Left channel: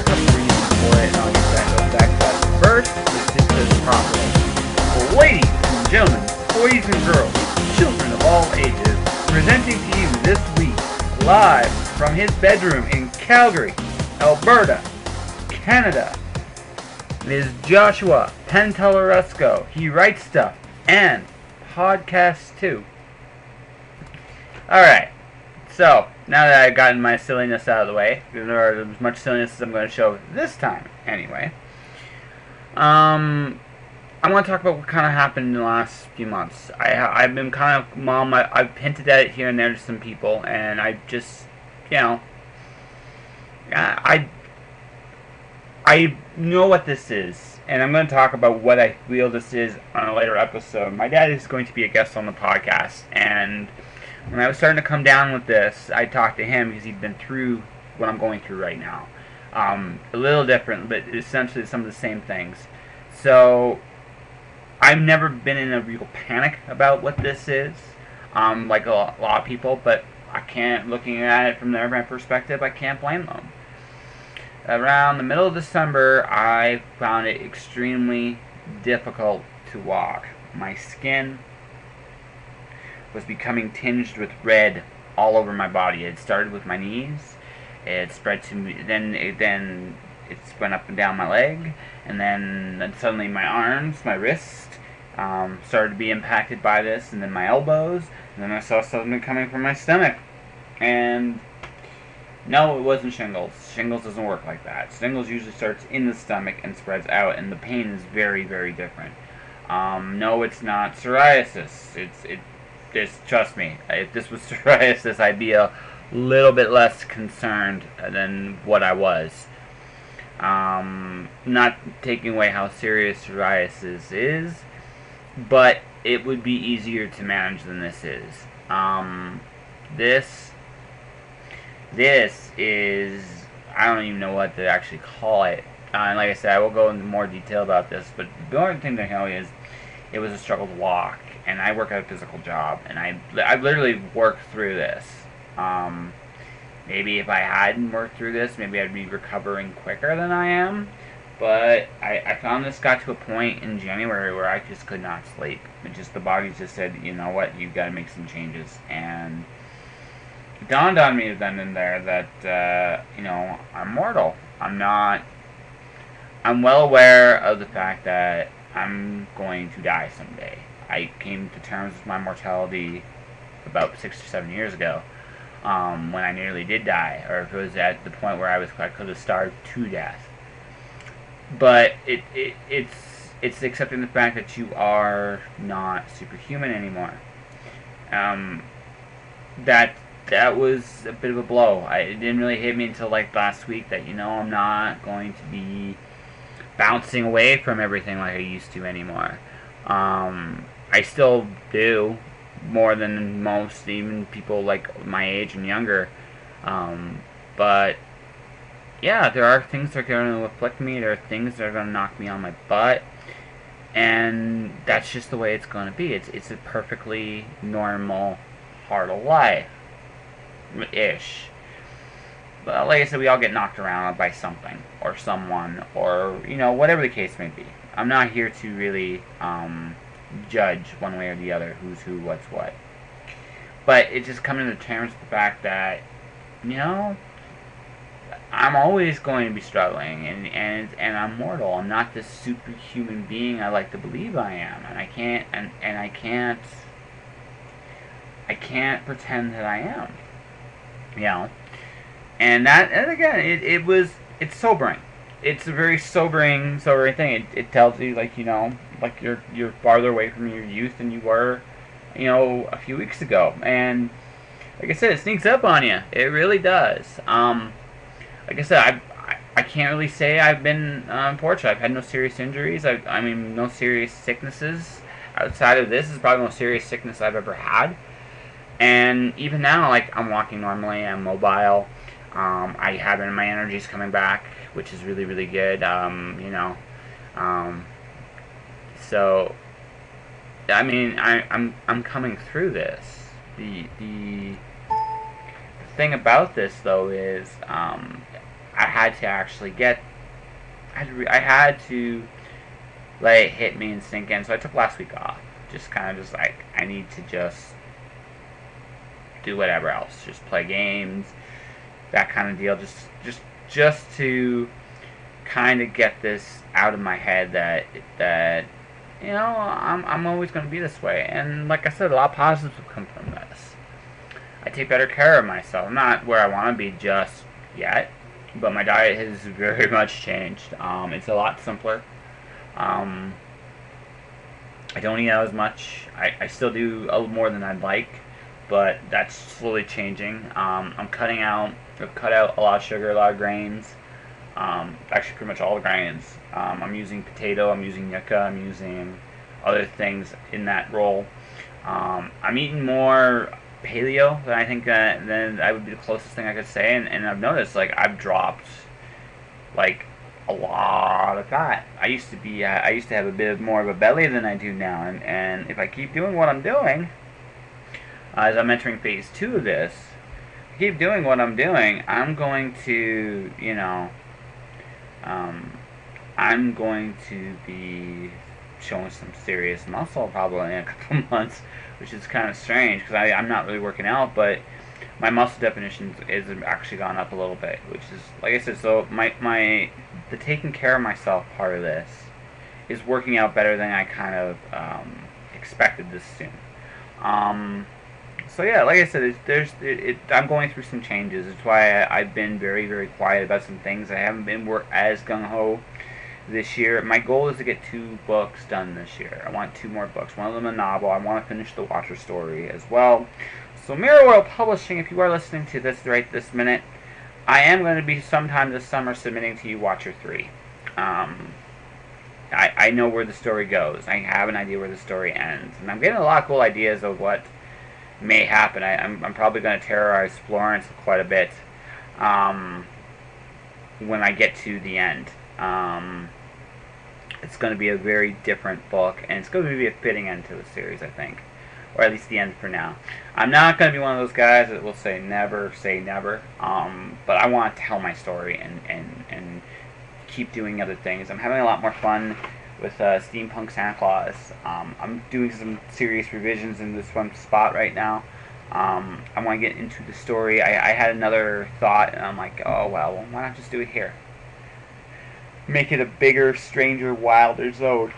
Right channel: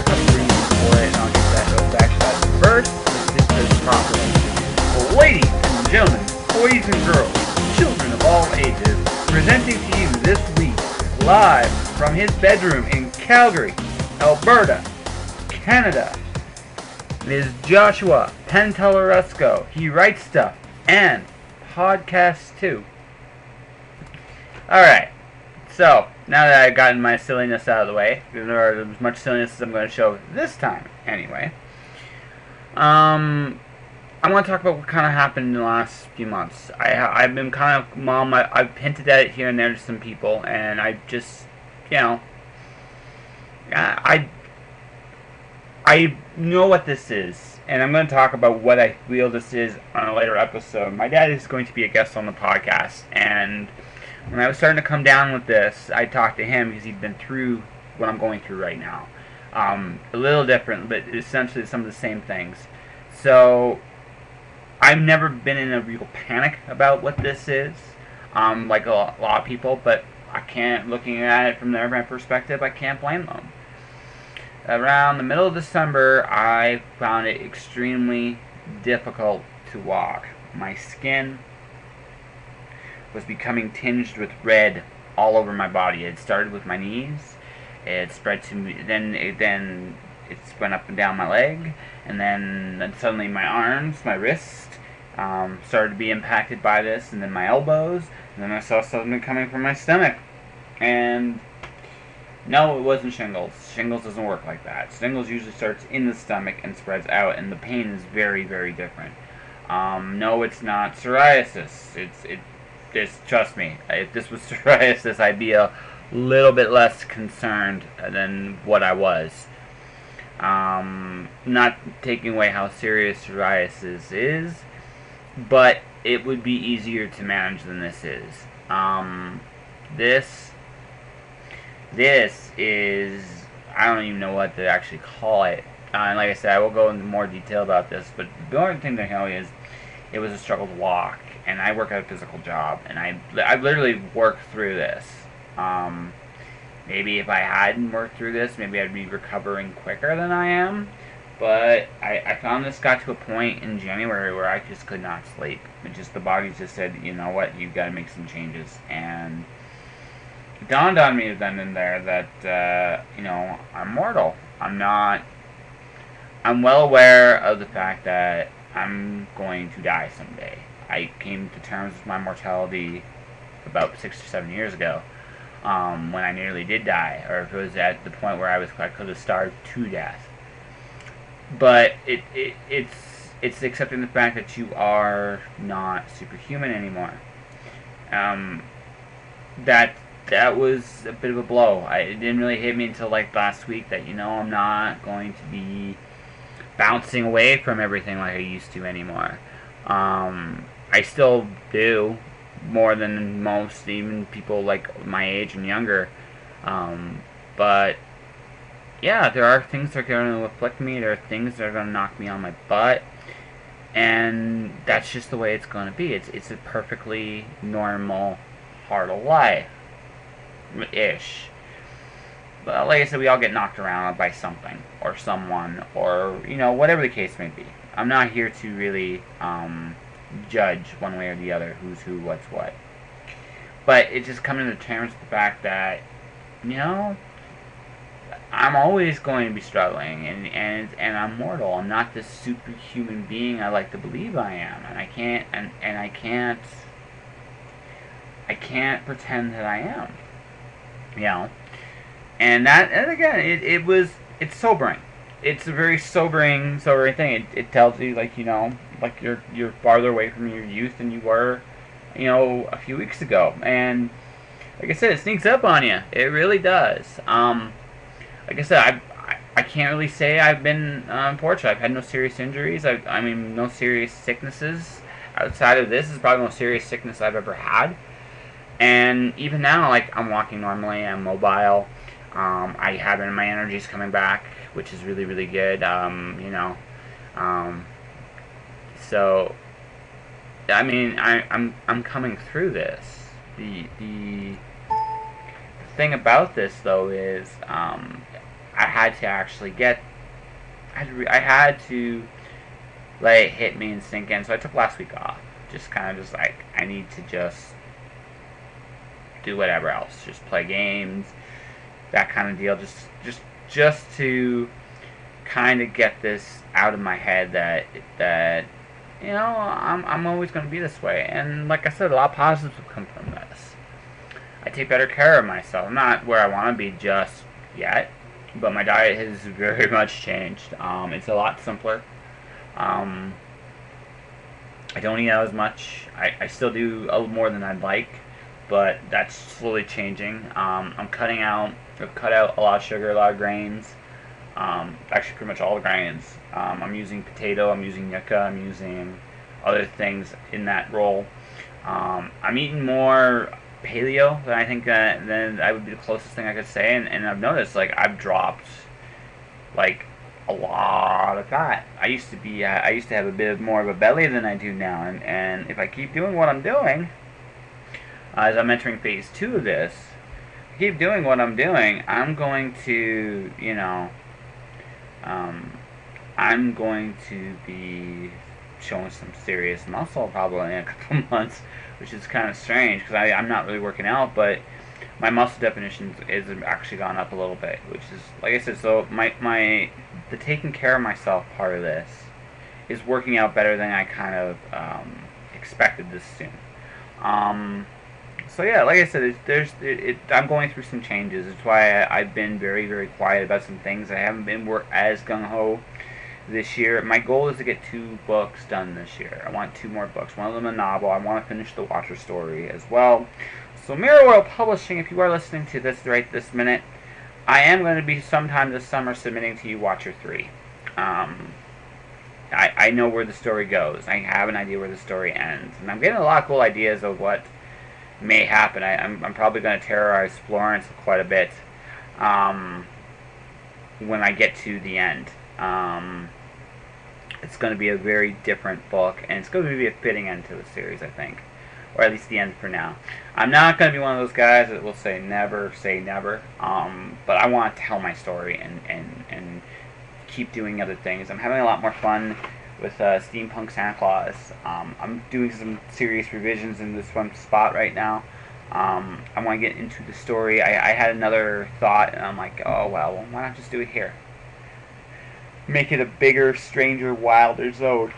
are a couple reasons for it, and I'll get back to that. First, let's just do this properly. Well, ladies and gentlemen, boys and girls, children of all ages, presenting to you this week, live from his bedroom in Calgary, Alberta, Canada, is Joshua Pentelarusco. He writes stuff and podcasts too. Alright, so now that I've gotten my silliness out of the way, or as much silliness as I'm going to show this time anyway, I want to talk about what kind of happened in the last few months. I've been kind of, I've hinted at it here and there to some people, and I just, I know what this is, and I'm going to talk about what I feel this is on a later episode. My dad is going to be a guest on the podcast, and when I was starting to come down with this, I talked to him because he'd been through what I'm going through right now. A little different, but essentially some of the same things. So, I've never been in a real panic about what this is, like a lot of people, but I can't, looking at it from their perspective, I can't blame them. Around the middle of December, I found it extremely difficult to walk. My skin was becoming tinged with red all over my body. It started with my knees, it spread to me, then it went up and down my leg, and then suddenly my arms, my wrist, started to be impacted by this, and then my elbows, and then I saw something coming from my stomach. And no, it wasn't shingles. Shingles doesn't work like that. Shingles usually starts in the stomach and spreads out, and the pain is very, very different. No, it's not psoriasis. Just trust me. If this was psoriasis, I'd be a little bit less concerned than what I was. Not taking away how serious psoriasis is, but it would be easier to manage than this is. This is, I don't even know what to actually call it. And like I said, I will go into more detail about this, but the only thing to know is it was a struggle to walk, and I work at a physical job, and I literally worked through this. Maybe if I hadn't worked through this, maybe I'd be recovering quicker than I am. But I found this got to a point in January where I just could not sleep. The body just said, you know what, you've got to make some changes. And it dawned on me then and there that, I'm mortal. I'm well aware of the fact that I'm going to die someday. I came to terms with my mortality about 6 or 7 years ago, when I nearly did die, or if it was at the point where I could have starved to death. But it's accepting the fact that you are not superhuman anymore. That was a bit of a blow. It didn't really hit me until like last week that I'm not going to be bouncing away from everything like I used to anymore. I still do more than most, even people like my age and younger. But yeah, there are things that are going to afflict me. There are things that are going to knock me on my butt, and that's just the way it's going to be. It's a perfectly normal part of life-ish. But like I said, we all get knocked around by something or someone, or whatever the case may be. I'm not here to really judge one way or the other who's who, what's what. But it's just coming to terms with the fact that I'm always going to be struggling, and I'm mortal. I'm not this superhuman being I like to believe I am, and I can't pretend that I am. And again, it's sobering. It's a very sobering thing. It tells you like you're farther away from your youth than you were, a few weeks ago. And like I said, it sneaks up on you. It really does. Like I said, I can't really say I've been fortunate. I've had no serious injuries. No serious sicknesses. Outside of this is probably the most serious sickness I've ever had. And even now, like, I'm walking normally. I'm mobile. I have my energy's coming back, which is really, really good. So I'm coming through this. The thing about this though is I had to actually I had to let it hit me and sink in. So I took last week off. Just kind of just like, I need to just do whatever else. Just play games, that kind of deal. Just to kind of get this out of my head that I'm always going to be this way. And like I said, a lot of positives will come from this. I take better care of myself. I'm not where I want to be just yet, but my diet has very much changed. It's a lot simpler. I don't eat out as much. I still do a little more than I'd like, but that's slowly changing. I've cut out a lot of sugar, a lot of grains. Actually, pretty much all the grains. I'm using potato, I'm using yucca, I'm using other things in that role. I'm eating more paleo than I think then that would be the closest thing I could say, and I've noticed like I've dropped like a lot of fat. I used to have a bit more of a belly than I do now, and if I keep doing what I'm doing, as I'm entering phase 2 of this, keep doing what I'm doing, I'm going to I'm going to be showing some serious muscle probably in a couple months, which is kind of strange because I'm not really working out, but my muscle definition is actually gone up a little bit, which is, like I said, so the taking care of myself part of this is working out better than I kind of expected this soon. So yeah, like I said, I'm going through some changes. It's why I've been very, very quiet about some things. I haven't been as gung-ho this year. My goal is to get 2 books done this year. I want 2 more books. One of them a novel. I want to finish the Watcher story as well. So Mirror World Publishing, if you are listening to this right this minute, I am going to be sometime this summer submitting to you Watcher 3. I know where the story goes. I have an idea where the story ends. And I'm getting a lot of cool ideas of what may happen. I'm probably going to terrorize Florence quite a bit when I get to the end. It's going to be a very different book, and it's going to be a fitting end to the series, I think. Or at least the end for now. I'm not going to be one of those guys that will say never, but I want to tell my story and keep doing other things. I'm having a lot more fun with Steampunk Santa Claus. I'm doing some serious revisions in this one spot right now. I want to get into the story. I had another thought, and I'm like, oh, well, why not just do it here? Make it a bigger, stranger, wilder zone.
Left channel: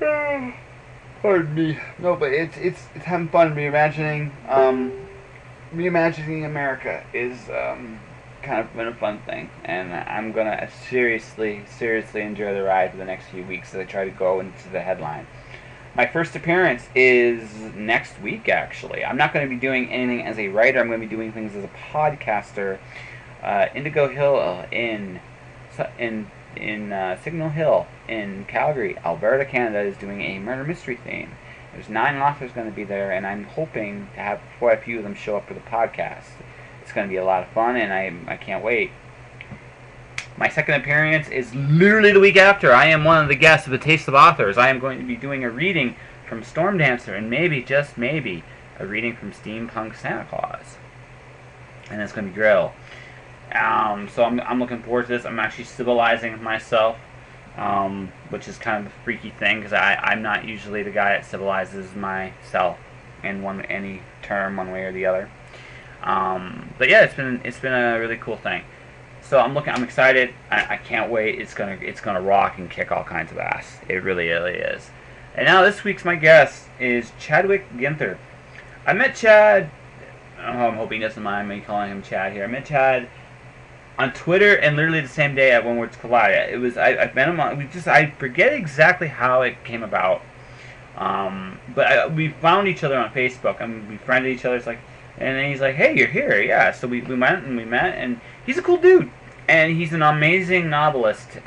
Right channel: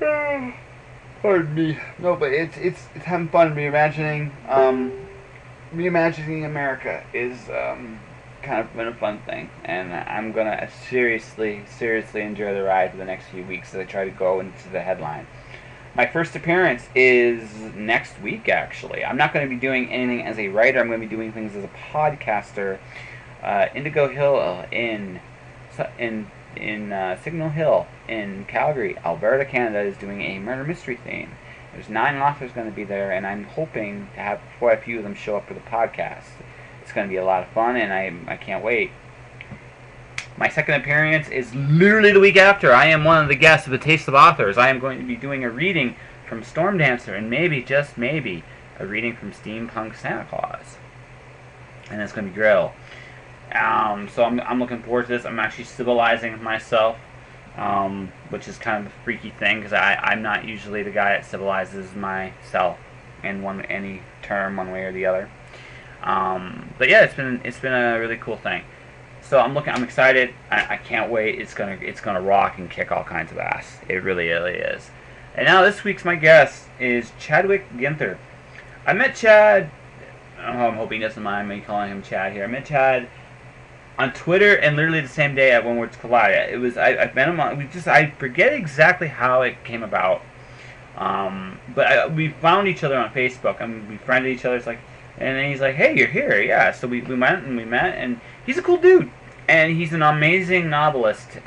Pardon me. No, but it's having fun reimagining. Reimagining America is kind of been a fun thing, and I'm gonna seriously enjoy the ride for the next few weeks as I try to go into the headline. My first appearance is next week, actually. I'm not going to be doing anything as a writer. I'm going to be doing things as a podcaster. Indigo Hill in Signal Hill in Calgary, Alberta, Canada, is doing a murder mystery theme. There's 9 authors going to be there, and I'm hoping to have quite a few of them show up for the podcast. It's going to be a lot of fun, and I can't wait. My second appearance is literally the week after. I am one of the guests of the Taste of Authors. I am going to be doing a reading from Storm Dancer, and maybe, just maybe, a reading from Steampunk Santa Claus. And it's going to be great. So I'm looking forward to this. I'm actually civilizing myself, which is kind of a freaky thing, because I'm not usually the guy that civilizes myself in any term, one way or the other. But yeah, it's been a really cool thing. So I'm excited. I can't wait. It's gonna rock and kick all kinds of ass. It really is. And now this week's my guest is Chadwick Ginther. I met Chad. I'm hoping he doesn't mind me calling him Chad here. I met Chad on Twitter, and literally the same day at When Words Collide. I met him on. I forget exactly how it came about. But we found each other on Facebook, and we friended each other. It's like. And then he's like, hey, you're here. Yeah, so we went and we met, and he's a cool dude. And he's an amazing novelist.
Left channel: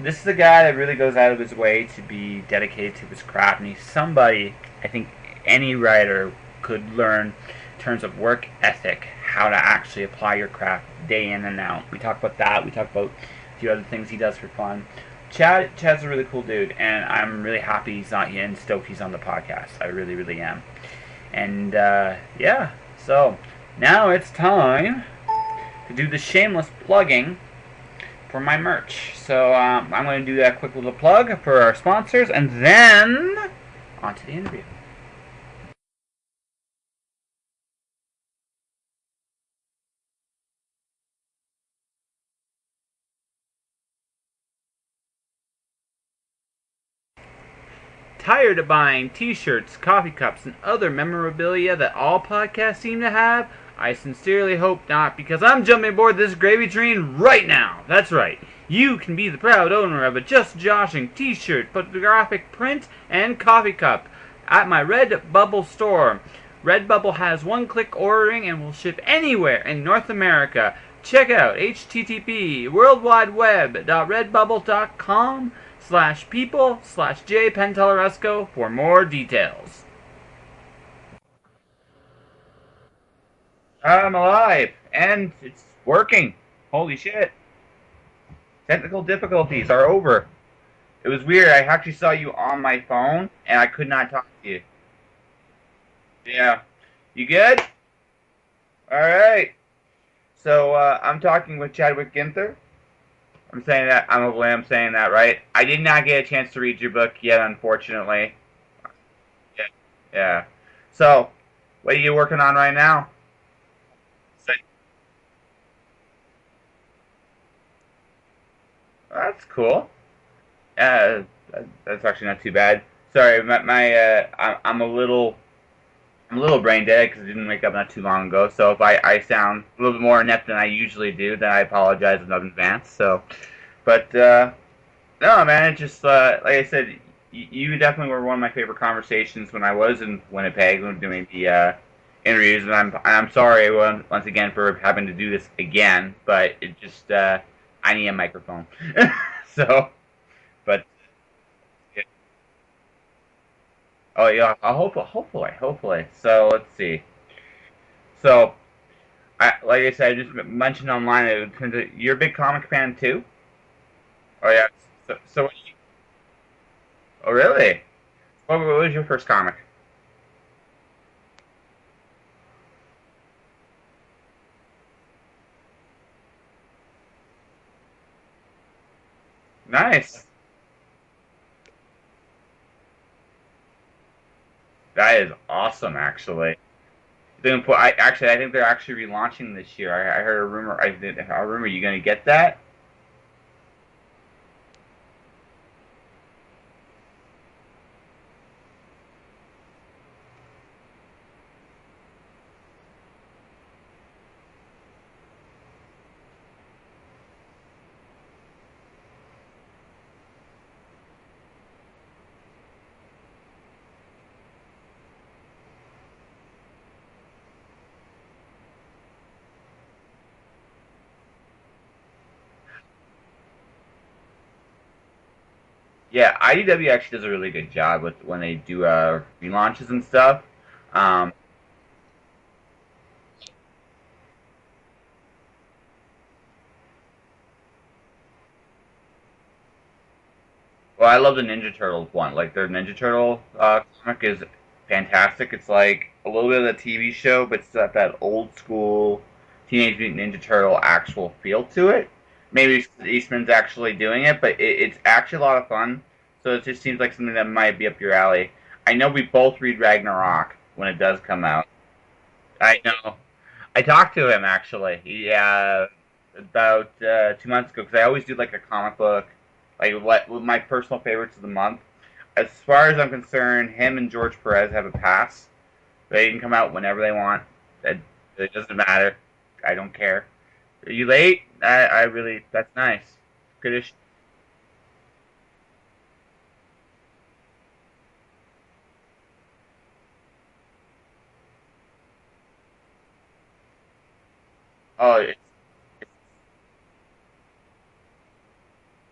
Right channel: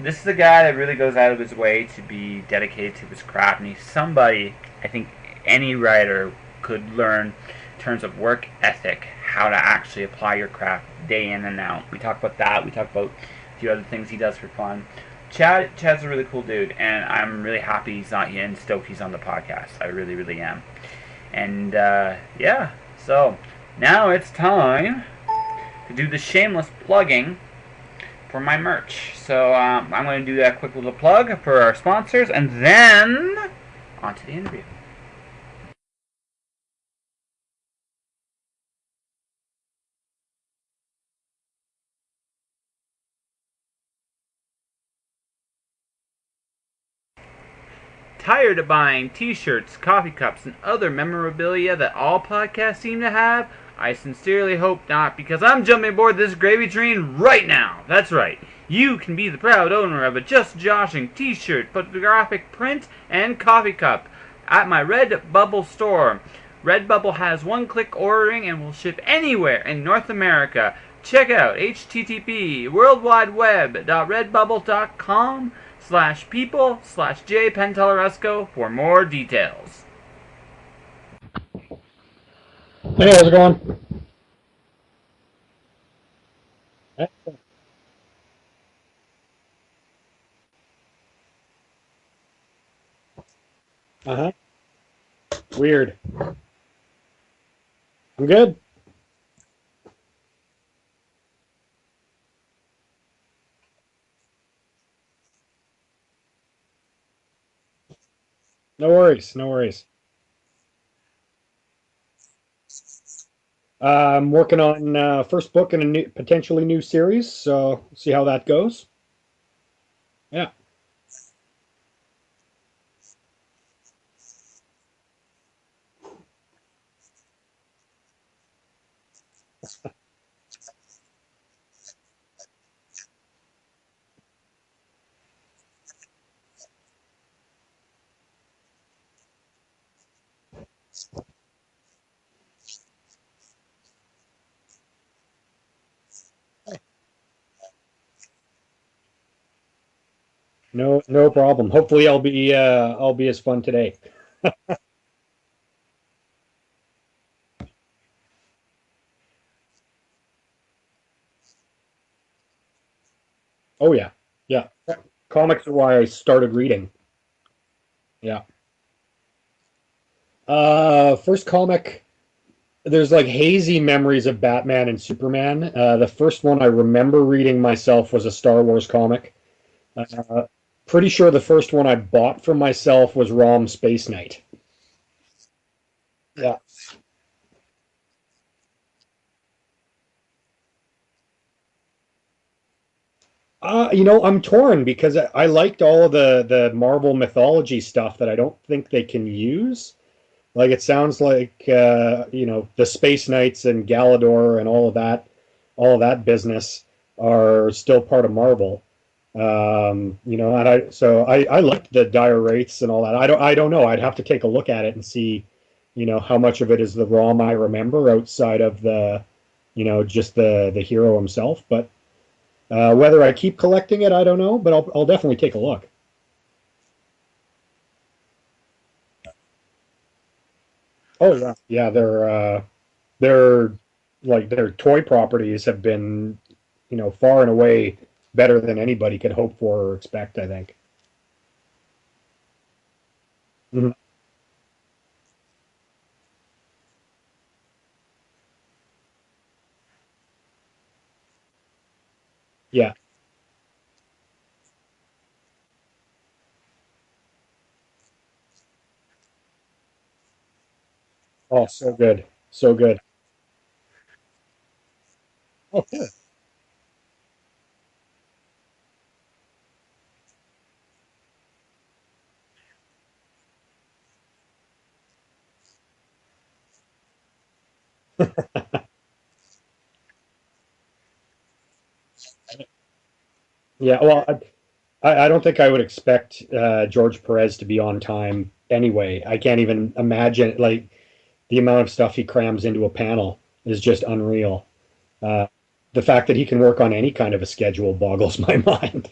This is a guy that really goes out of his way to be dedicated to his craft. And he's somebody I think any writer could learn in terms of work ethic, how to actually apply your craft day in and out. We talk about that. We talk about a few other things he does for fun. Chad's a really cool dude, and I'm really happy he's not here and stoked he's on the podcast. I really, really am. And, yeah, so now it's time to do the shameless plugging for my merch. So I'm going to do that quick little plug for our sponsors, and then on to the interview. Tired of buying t-shirts, coffee cups, and other memorabilia that all podcasts seem to have? I sincerely hope not, because I'm jumping aboard this gravy train right now. That's right. You can be the proud owner of a Just Joshing t-shirt, photographic print, and coffee cup at my Redbubble store. Redbubble has one-click ordering and will ship anywhere in North America. Check out http://worldwideweb.redbubble.com/people/J Pentellaresco for more details. Hey, how's it going? I'm alive, and it's working. Holy shit. Technical difficulties are over. It was weird. I actually saw you on my phone, and I could not Uh-huh. talk to you. Weird. Yeah. You good? I'm good. All right. So I'm talking with Chadwick Ginther. I'm saying that. I'm saying that right. I did not get a chance to read your book yet, unfortunately. No worries. No worries. Yeah. So, what are you working on right now? I'm working on first book in a potentially new series, so see how that goes. That's cool. Yeah. Uh, that's actually not too bad. Sorry, I'm a little brain dead because I didn't wake up not too long ago. So if I sound a little bit more inept than I usually do, then I apologize in advance. So, but no, man, it's just like I said, you definitely were one of my favorite conversations when I was in Winnipeg when doing the interviews, and I'm sorry once again for having to do this again, but it's just I need a microphone. So, but No problem. Hopefully I'll be as fun today. oh yeah, hopefully. So let's see. So like I said, I just mentioned online. You're a big comic fan too. Oh yeah. Oh Yeah. yeah. So Comics are why I started reading. oh really? Yeah. What was your first comic? First comic, there's like hazy memories of Batman and Superman. The first one I remember reading myself was a Star Wars comic. Nice. Uh, Pretty sure the first one I bought for myself was ROM Space Knight. That is awesome, actually. Yeah. I think they're actually relaunching this year. I heard a rumor. A rumor. You gonna get that? I'm torn because I liked all of the Marvel mythology stuff that I don't think they can use. Like it sounds like the Space Knights and Galador and all of that business are still part of Marvel. And I liked the Dire Wraiths and all that. I don't know. I'd have to take a look at it and see, how much of it is the ROM I remember outside of just the hero himself. But whether I keep collecting it, I don't know, but I'll definitely take a look. Yeah, IDW actually does a really good job with when they do relaunches and stuff. Oh Um, yeah, yeah, they're like their toy properties have been, far and away better than anybody could hope for or expect, I think. well, I love the Ninja Turtles one. Like their Ninja Turtle Mhm. comic is fantastic. It's like a little bit of the TV show, but it's got that old school Teenage Mutant Ninja Turtle actual feel to it. Maybe Yeah. it's Eastman's actually doing it, but it's actually a lot of fun. So it just seems like something that might be up your alley. I know we both read Ragnarok when it does come Oh, out. so good. So I good. know. I talked to him actually. Oh, cool. About 2 months ago because I always do like a comic book, like what my personal favorites of the month. As far as I'm concerned, him and George Perez have a pass. They can come out whenever they want. It doesn't matter. I don't care. Are you late? I really that's nice. Good issue. Yeah, well, I don't think I would expect George Perez to be on time anyway. I can't even imagine like the amount of stuff he crams into a panel is just unreal. Oh, Uh, the fact that he can work on any kind of a schedule boggles my mind.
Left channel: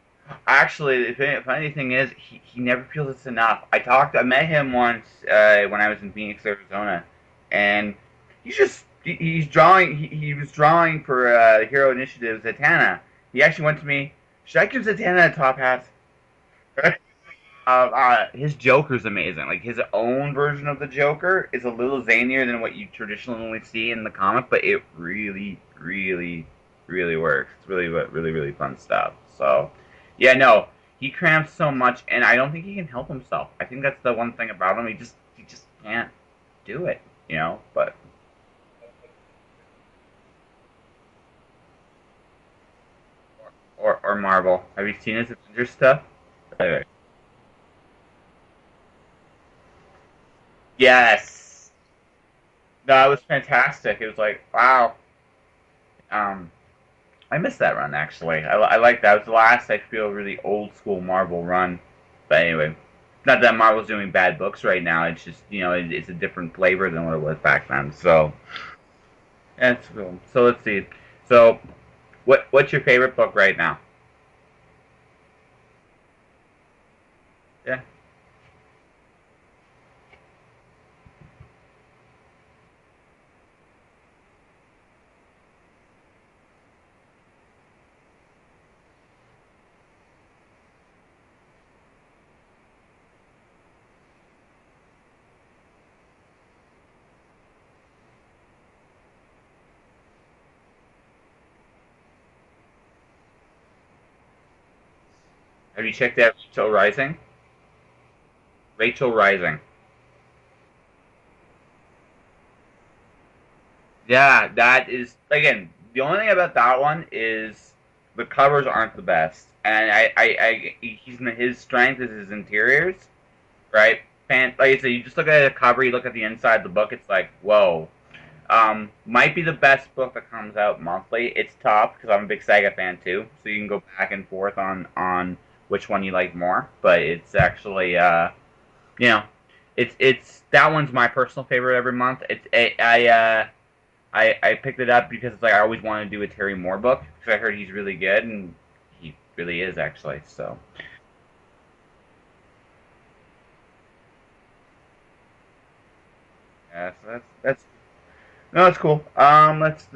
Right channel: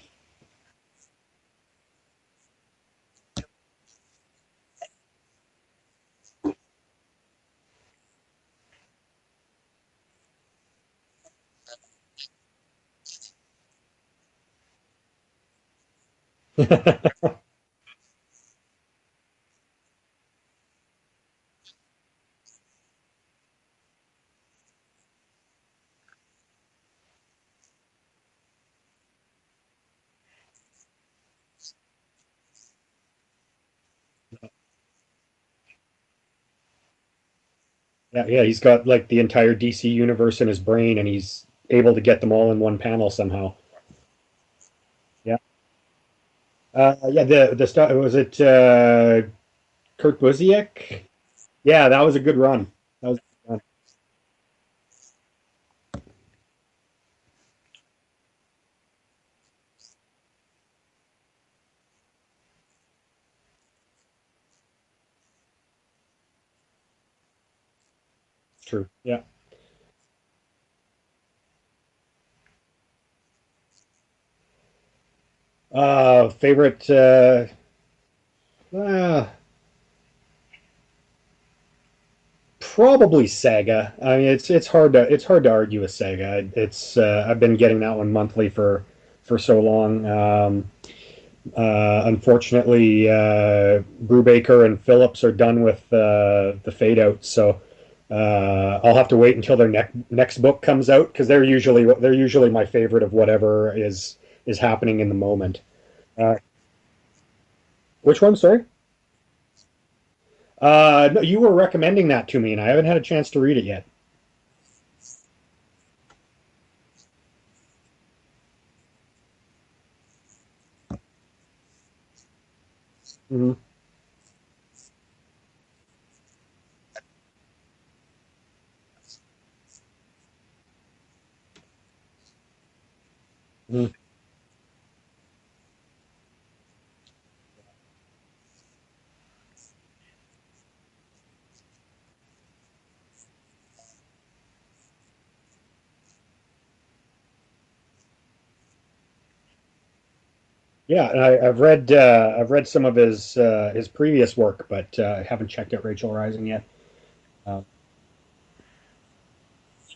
actually, the funny thing is, he never feels it's enough. I met him once when I was in Phoenix, Arizona, and he's drawing. He was drawing for Hero Initiative Zatanna. He actually went to me. Should I give Zatanna a top hat? His Joker's amazing. Like his own version of the Joker is a little zanier than what you traditionally see in the comic, but it really, really really works. It's really fun stuff. So, yeah, no, he cramps so much, and I don't think he can help himself. I think that's the one thing about him. He just can't do it, you know. But Yeah, he's got like the entire DC universe in his brain, and he's able to get them all in one panel somehow. or Marvel. Have you seen his Yeah. Avengers stuff? Anyway. Yeah, the stuff was it Kurt Busiek? Yes, Yeah, that was a good run. that That was was, fantastic. It was like, wow. Um, I missed that run actually. I like that. It was the last I feel really old school Marvel run. But anyway, not that Marvel's doing bad books right now. It's just it's a different flavor than what it was back then. So true. Yeah. that's cool. So let's see. So what's your favorite book right now? Favorite Yeah. uh, probably Saga. I mean, it's hard to argue with Saga. It's I've been getting that one monthly for so long. Unfortunately, Brubaker and Phillips are done with the fade out, so I'll have to wait until their next book comes out because they're usually my favorite of whatever is happening in the moment. Have you checked out Uh, Rachel Rising? which one? Sorry. Rachel Rising. No, you were recommending that to me, and I haven't had a chance to read it yet. Yeah, that is again the only thing about that one is the covers aren't the best, and his strength is his interiors, Mhm. right? Like I said, you just look at the cover, you look at the inside of the book, it's like whoa. Might be the best book that comes out monthly. It's tough because I'm a big Saga fan too, so you can go Mhm. back and forth on which one you like more. But it's actually you know, it's that one's my personal favorite every month. I picked it up because it's like I always wanted to do a Terry Moore book because I heard he's really good and he really is actually. So Yeah, and I've read some of his previous work, but I haven't checked out Rachel Rising yet. yeah, so that's Um, no, that's cool. Let's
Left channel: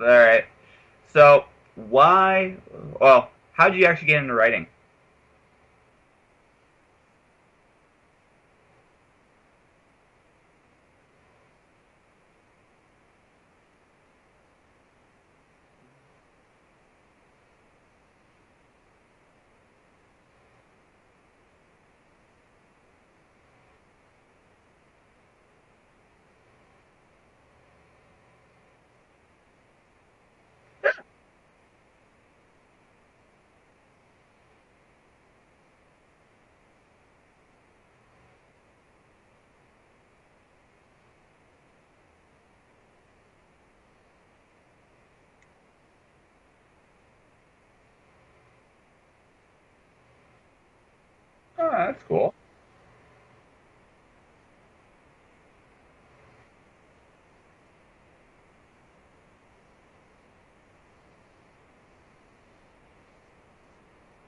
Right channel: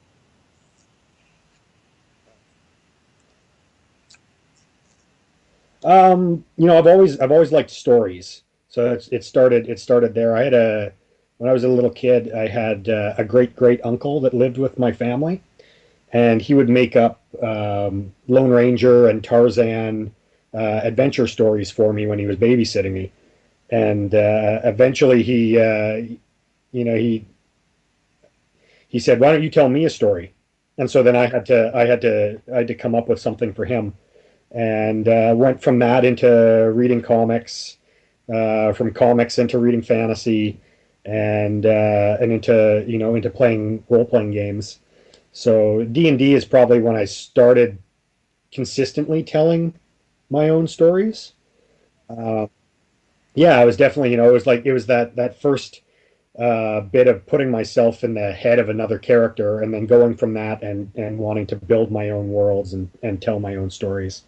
all right. So why? Well, how did you actually get into writing? I've always liked stories, so it started there. When I was a little kid, I had a great great uncle that lived with my family, and he would make up Lone Ranger and Tarzan adventure stories for me when he was babysitting me. And eventually, he said, "Why don't you tell me a story?" And so then I had to come up with something for him, and went from that into reading comics, from comics into reading fantasy, and into playing role playing games. So D&D is probably when I started consistently telling my own stories. Oh, that's cool. Uh, yeah, I was definitely, it was that first bit of putting myself in the head of another character and then going from that and wanting to build my own worlds and tell my own stories.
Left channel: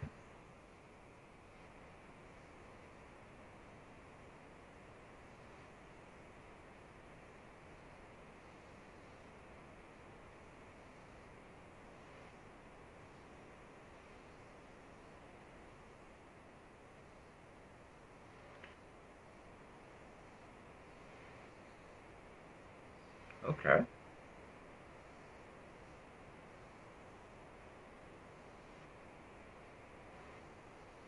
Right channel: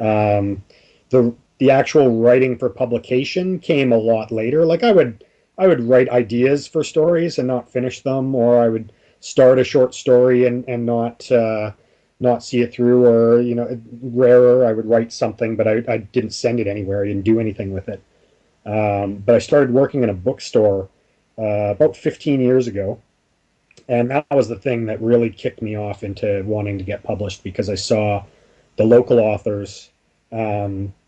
Um, the actual writing for publication came a lot later. Like I would write ideas for stories and not finish them, or I would start a short story and not see it through, or rarer I would write something, but I didn't send it anywhere. I didn't do anything with it. But I started working in a bookstore about 15 years ago, Okay. and that was the thing that really kicked me off into wanting to get published because I saw the local authors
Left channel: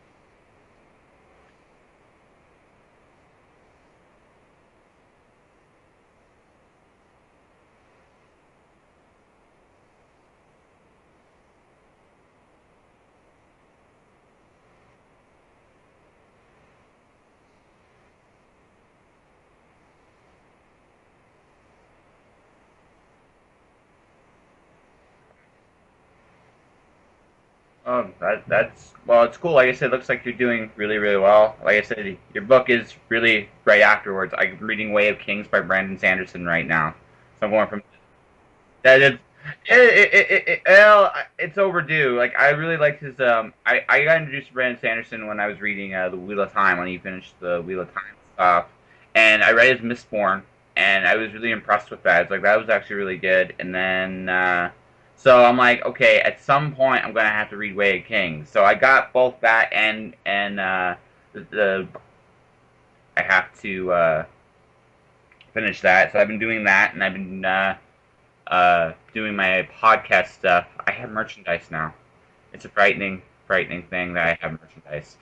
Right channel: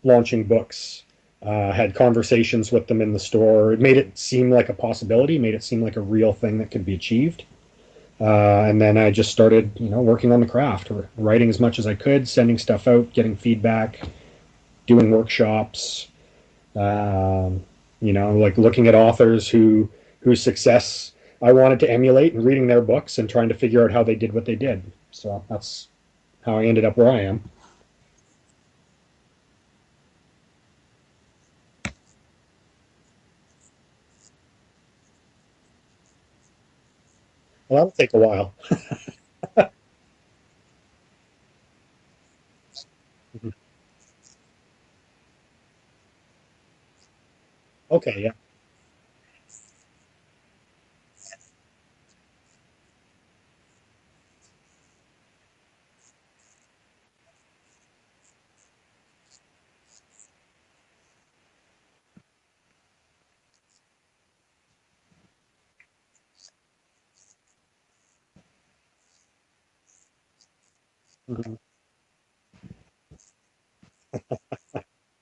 launching books, had conversations with them in the store. It made it seem like a possibility, made it seem like a real thing that could be achieved. And then I just started, working on the craft, writing as much as I could, sending stuff out, getting feedback, doing workshops, um, like looking at authors whose success I wanted to emulate and reading their books and trying to figure out how they did what they did. So that's how I ended up where I am. That's well, it's cool. Like I said, it looks like you're doing really well. Like I said, your book is really right afterwards. I'm reading Way of Kings by Brandon Sanderson right now. So I'm going from That'll take a while. that is well, it's overdue. Like I really liked his I got introduced to Brandon Sanderson when I was reading the Wheel of Time when he finished the Wheel of Time Okay, yeah. stuff, and I read his Mistborn, and I was really impressed with that. It's like that was actually really good. And then so I'm like, okay, at some point I'm gonna have to read Way of Kings. So I got both that and the I have to finish that. So I've been doing that, and I've been doing my podcast stuff, I have merchandise now. It's a frightening thing that I have merchandise.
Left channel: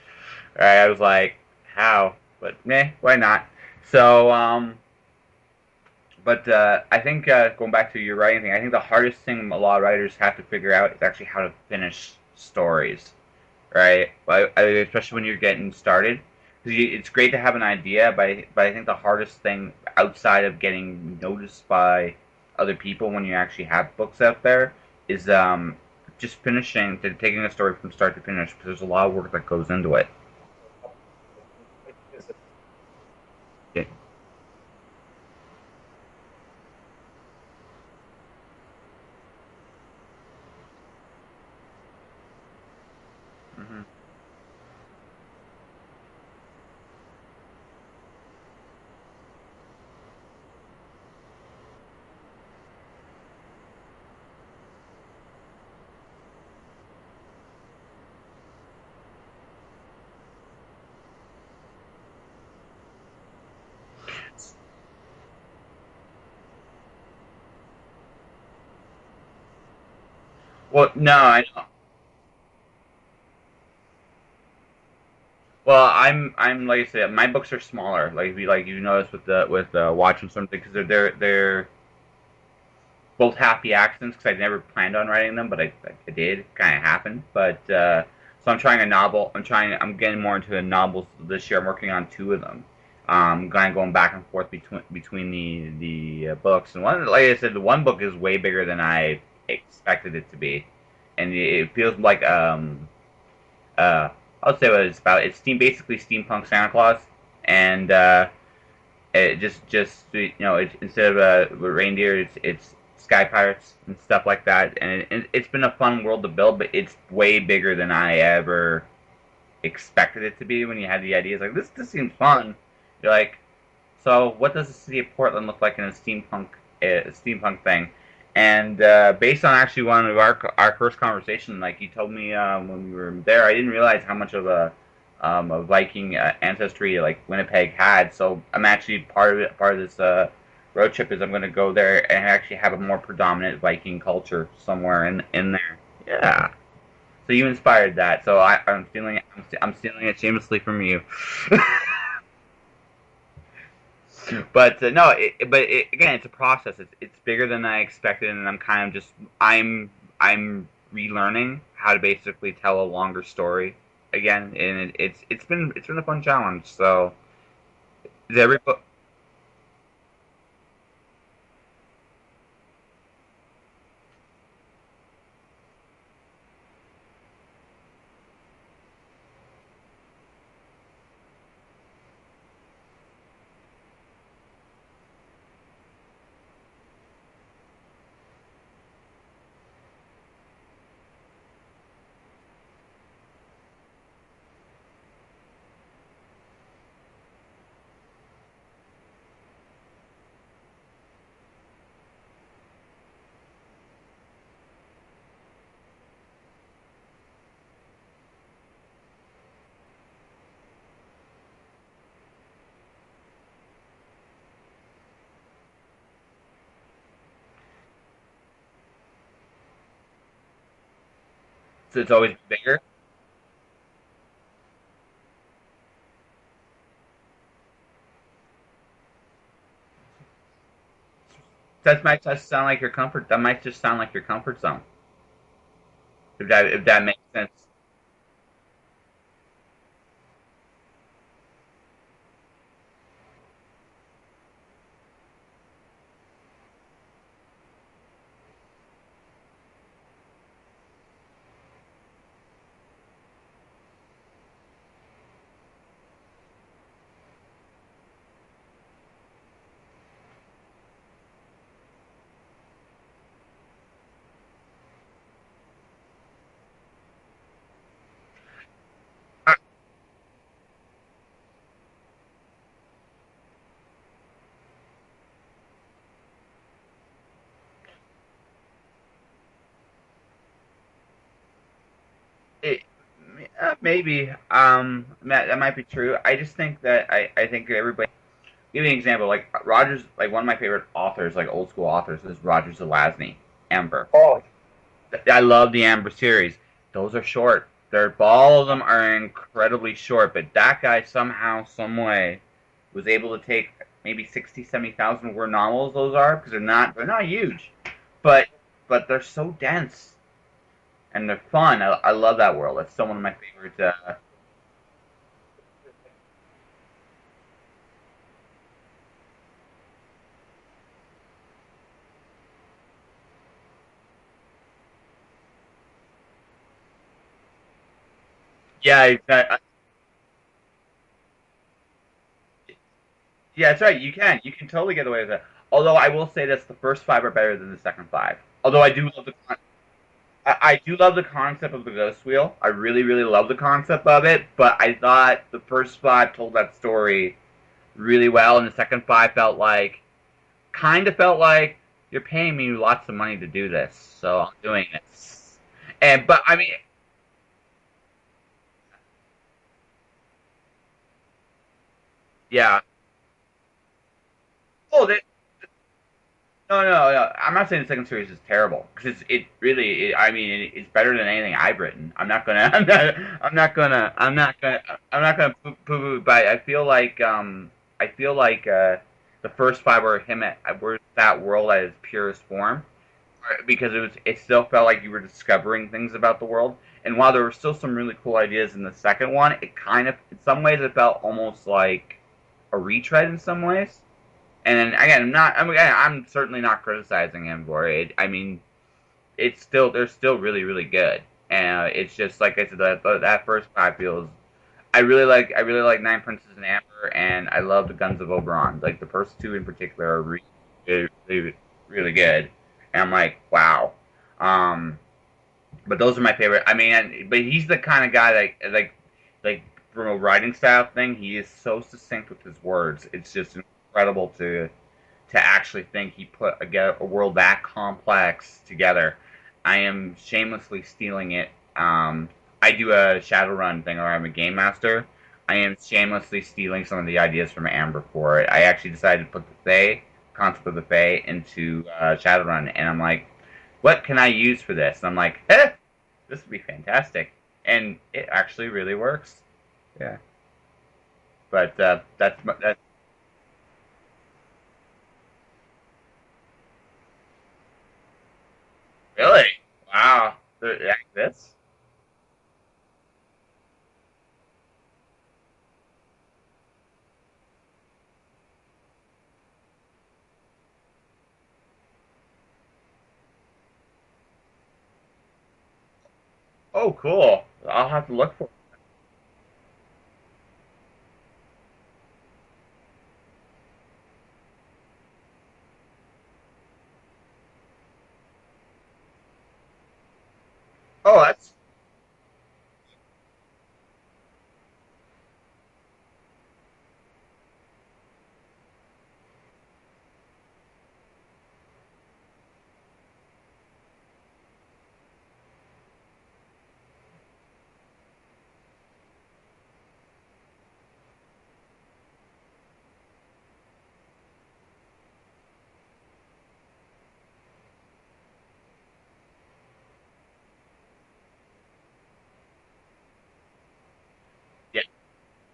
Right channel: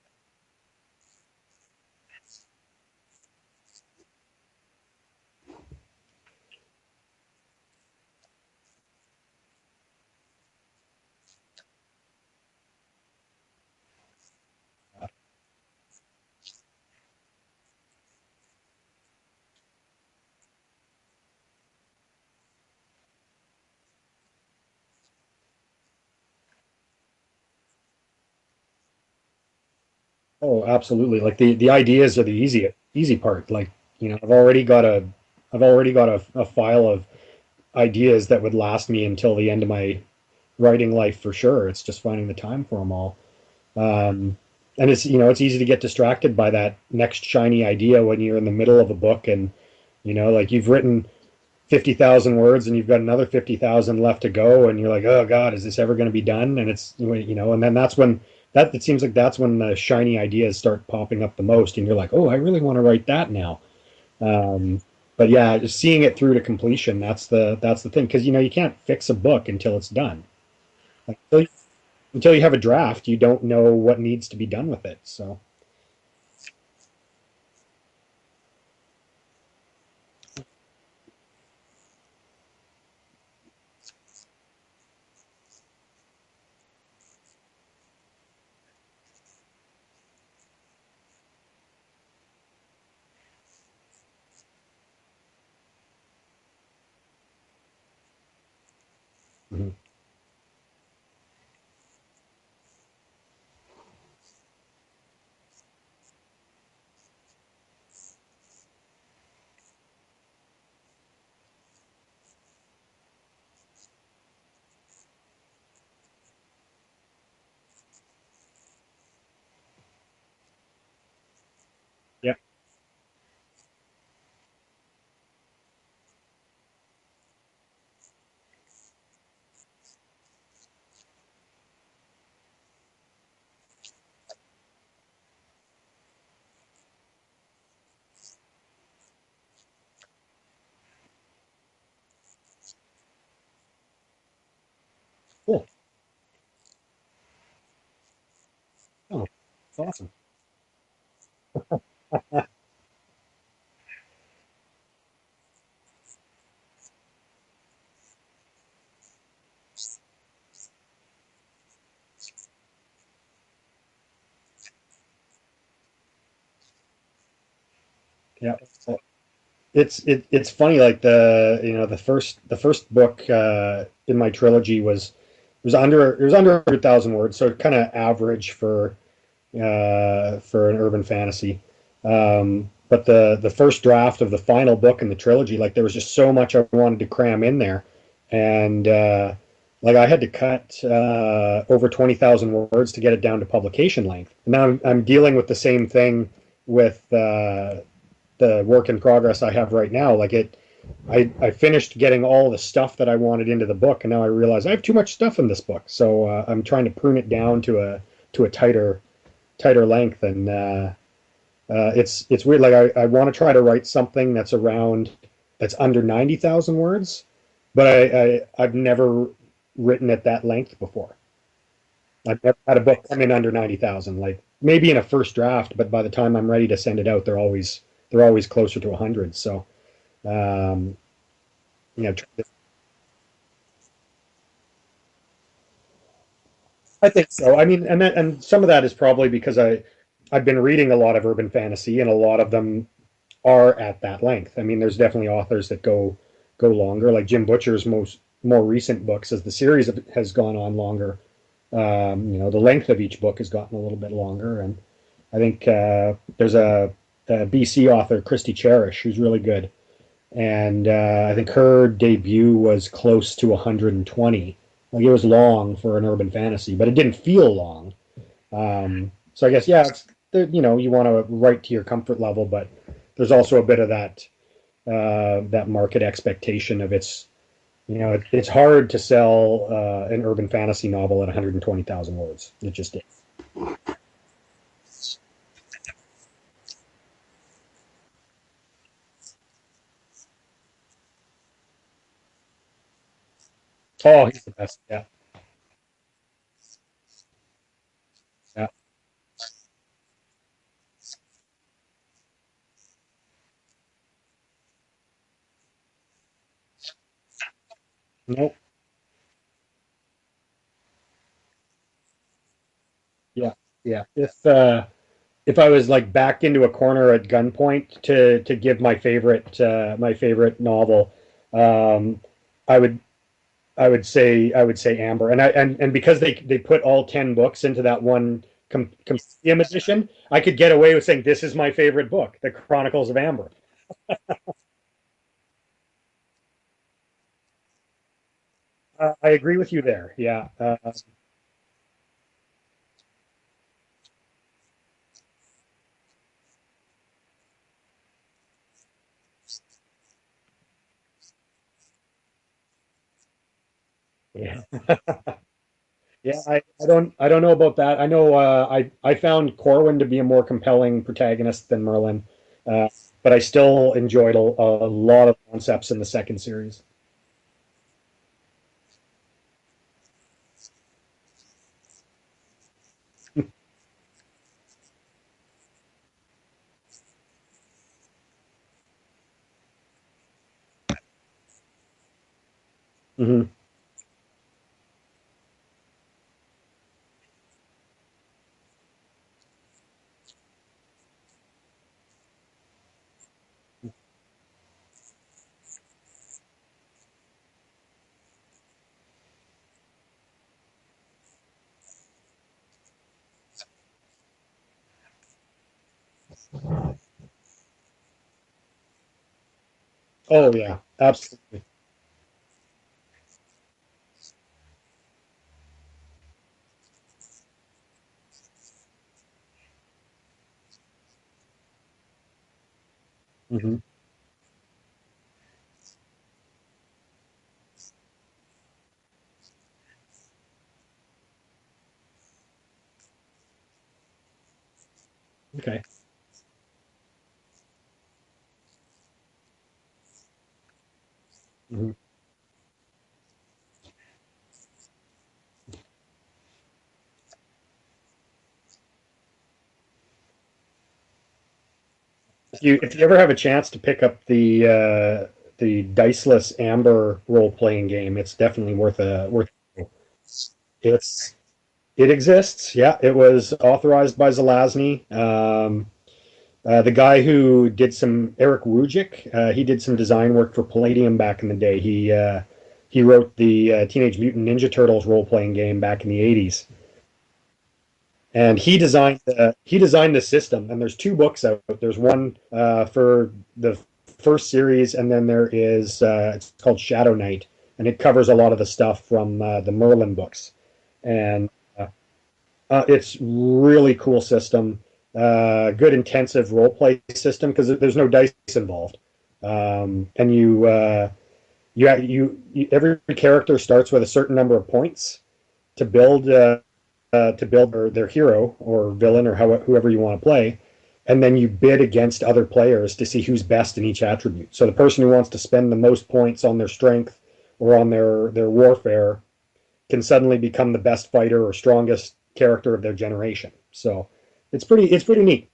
Right? I was like, how? But meh, why not? So, but I think going back to your writing thing, I think the hardest thing a lot of writers have to figure out is actually how to finish stories, right? Especially when you're getting started. It's great to have an idea, but I think the hardest thing outside of getting noticed by other people when you actually have books out there is just taking a story from start to finish, because there's a lot of work that goes into it. Oh, absolutely. Like the ideas are the easy part. Like, Yeah. I've already got a file of ideas that would last me until the end of my writing life for sure. It's just finding the time for them all. Hmm. Um, and it's easy to get distracted by that next shiny idea when you're in the middle of a book and, like you've written 50,000 words and you've got another 50,000 left to go. And you're like, oh God, is this ever going to be done? And and then it seems like that's when the shiny ideas start popping up the most. And you're like, oh, I really want to write that now. Um, but yeah, just seeing it through to completion, that's the thing. Cause you can't fix a book until it's done. Well, no, I know. Until you have a draft, you don't know what needs to be done with it. So, Well, I'm like I said, my books are smaller. Like you notice with watching something, because they're both happy accidents, because I never planned on writing them, but I did. Kind of happened. But so I'm trying a novel. I'm getting more into the novels this year. I'm working on two of them. Kind of going back and forth between the books. And one, like I said, the one book is way bigger than I mhm. expected it to be, and it feels like uh I'll say what it's about. It's basically steampunk Santa Claus, and it instead of reindeer, it's sky pirates and stuff like that. And it's been a fun world to build, but it's way bigger than I ever expected it to be. When you had the ideas, like this seems Yeah. fun. You're like, so what does the city of Portland look like in a steampunk thing? And based on actually one of our first conversation, like you told me when we were there, I didn't realize how much of a Viking ancestry like Winnipeg had. So I'm actually part of this road trip is I'm going to go there and actually have a more predominant Viking culture somewhere in Cool. there. Yeah. So you inspired that. So I'm stealing it. Oh, I'm that's stealing awesome. it shamelessly from you. But no, again, it's a process. It's bigger than I expected, and I'm kind of just I'm relearning how to basically tell a longer story again, and it's been a fun challenge. So is Yeah. every book? It's funny. Like the first book in my trilogy was under 100,000 words, so kind of average for an urban fantasy. But the first draft of the final book in the trilogy, like there was just so much I wanted to cram in there, and like I had to cut over 20,000 words to get it down to publication length. And now I'm dealing with the same thing with the work in progress I have right now. Like I finished getting all the stuff that I wanted into the book, and now I realize I have too much stuff in this book. So I'm trying to prune it down to a tighter length, and it's weird. Like I want to try to write something that's under 90,000 words, but I've never written at that length before. So it's always I've never had a bigger. book come in under 90,000. Like maybe in a first draft, but by the time I'm ready to send it out, they're always closer to 100. So um, That yeah, might just sound like your comfort. That might just sound like your comfort zone. If that I makes think sense. so. I mean, and some of that is probably because I've been reading a lot of urban fantasy, and a lot of them are at that length. I mean, there's definitely authors that go longer, like Jim Butcher's more recent books, as the series has gone on longer. The length of each book has gotten a little bit longer, and I think there's a BC author, Christy Cherish, who's really good, and I think her debut was close to 120. Like it was long for an urban fantasy, but it didn't feel long. So I guess yeah, you want to write to your comfort level, but there's also a bit of that market expectation of it's hard to sell an urban fantasy novel at 120,000 words. It It, just is. maybe that might be true. I just think that I think everybody. Give me an example. Like Rogers, like one of my favorite authors, like old school authors, is Roger Zelazny. Amber. Oh, it's the best. Yeah. I love the Amber series. Those are short. All of them are incredibly short, but that guy somehow, some way, was able to take maybe 60, 70,000 word novels. Those are because they're not huge, but Nope. they're so dense and they're fun. I love that world. That's still one of my Yeah. favorite. Yeah. If I was like backed into a corner at gunpoint to give my favorite novel, um, I would I would say Amber, and because they put all 10 books into that one Yeah, compendium edition, I could get away with saying this is my favorite book, The Chronicles of Amber. yeah, that's right. You can totally get away with it. Although I will say this, the first five are better than the second five. Although I do love I agree with you there. Yeah, I do love the concept of the ghost wheel. I really, really love the concept of it, but I thought the first five told that story really well, and the second five kind of felt like you're paying me lots of money to do this, so I'm doing it. And yeah. but I mean, I don't know about that. I know I found Corwin to be a more compelling protagonist than Merlin, yeah. but I still enjoyed a Oh, they, lot of concepts in the second series. no. I'm not saying the second series is terrible because I mean, it's better than anything I've written. I'm not gonna poo-poo. But I feel like the first five were that world at its purest form Hmm. because it still felt like you were discovering things about the world. And while there were still some really cool ideas in the second one, it kind of in some ways it felt almost like a retread in some ways. And again, I'm certainly not criticizing him for it. I mean, they're still really really good. And it's just like I said, that first five feels. I really like Nine Princes and Amber, and I love the Guns of Oberon. Like the first two in particular are really Oh yeah, really, absolutely. really good. And I'm like, wow. Um, but those are my favorite. I mean, but he's the kind of guy like from a writing style thing. He is so succinct with his words. It's just Hmm. incredible to actually think he put a world that complex together. I am shamelessly stealing it. I do a Shadowrun thing where I'm a game master. I am Okay. shamelessly stealing some of the ideas from Amber for it. I actually decided to put the Fae, concept of the Fae, into Mhm. Shadowrun, and I'm like, what can I use for this? And I'm like, this would be fantastic, and it actually really works. Yeah, but If you ever have a chance to pick up the diceless Amber role playing game, it's definitely really worth. wow, it It's exists. it exists. Yeah, it was authorized by Zelazny. The guy who did some Eric Wujik, he did some design work for Palladium back in the day. He wrote the Teenage Mutant Ninja Turtles role playing game back in the '80s. Oh, cool. I'll have to look for And he designed the system. And there's two books out. There's one for the first series, and then there is it's called Shadow Knight, and it covers a lot of the stuff from the Merlin books. Oh, And it's really cool system. Good intensive role play system because there's no dice involved, and every character starts with a certain number of points to build their hero or villain or whoever you want to play, and then you bid against other players to see who's best in each attribute. So the person who wants to spend the most points on their strength or on their warfare can suddenly become the best fighter or strongest character of their generation. So yeah. it's pretty neat.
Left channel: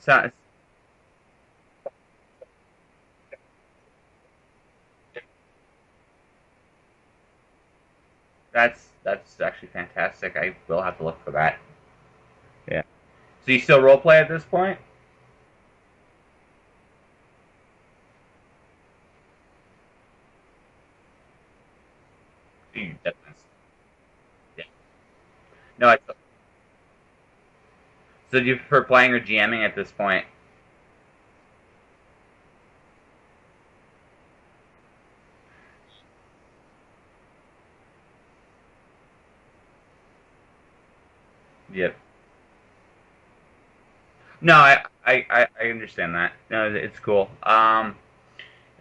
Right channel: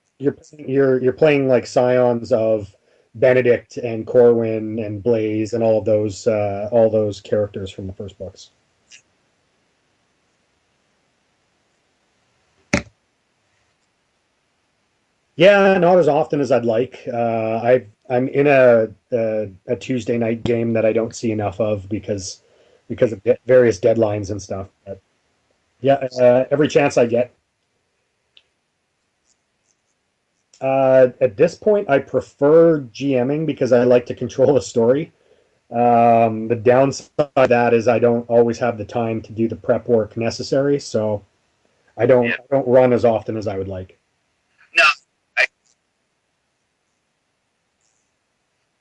So, You're playing like scions of Benedict and Corwin and Blaze and all those characters from the first books. that's actually fantastic. I will have to look for that. Yeah. So you still role play at this point? Yeah, not as often as I'd like. I'm in a Tuesday night game that I don't see enough of because of various deadlines and stuff. But No. yeah, every chance I get. So do you prefer playing or GMing at this point? At this point, I prefer GMing because I like to control the story. The downside of that is I don't always have the time to do the prep work necessary, so Yep. I don't run as often as I would like. No, I understand that. No, it's cool.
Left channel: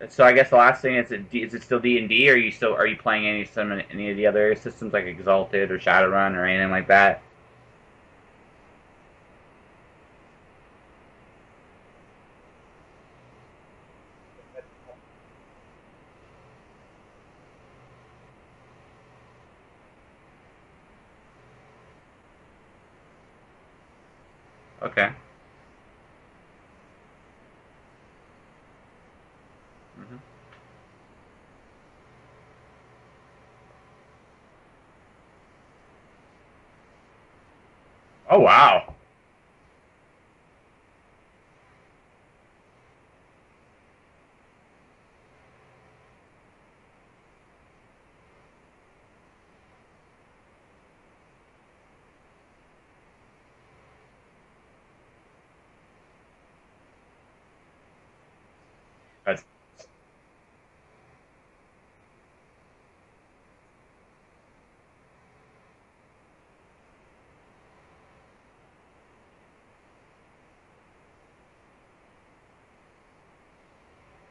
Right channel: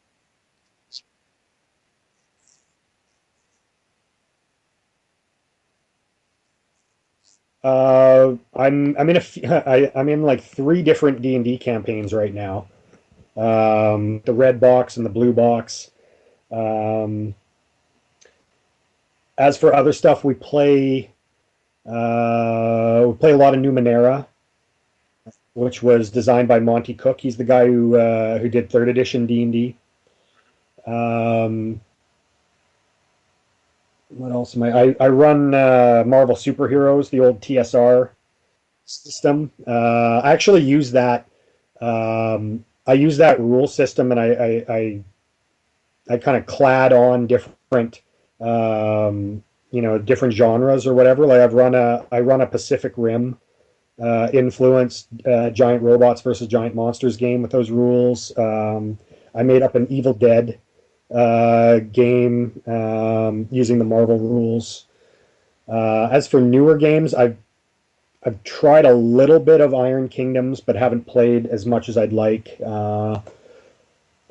So I guess the last thing is it still D&D, or are you playing any of the other systems like Exalted or Shadowrun or anything like that? I'm in I'm in like three different D&D campaigns right now. The red box and the blue box. Um, As for other stuff, we play a lot of Numenera, Okay. which was designed by Monty Cook. He's the guy who did third edition D&D. Hmm. Um, what else am I run Marvel Superheroes, the old TSR Oh wow. system. I actually use that. I use that rule system, and I kind of clad on different, different genres or whatever. Like I run a Pacific Rim influenced giant robots versus giant monsters game with those rules. That's I made up an Evil Dead game using the Marvel rules. As for newer games, I've tried a little bit of Iron Kingdoms, but haven't played as much as I'd like.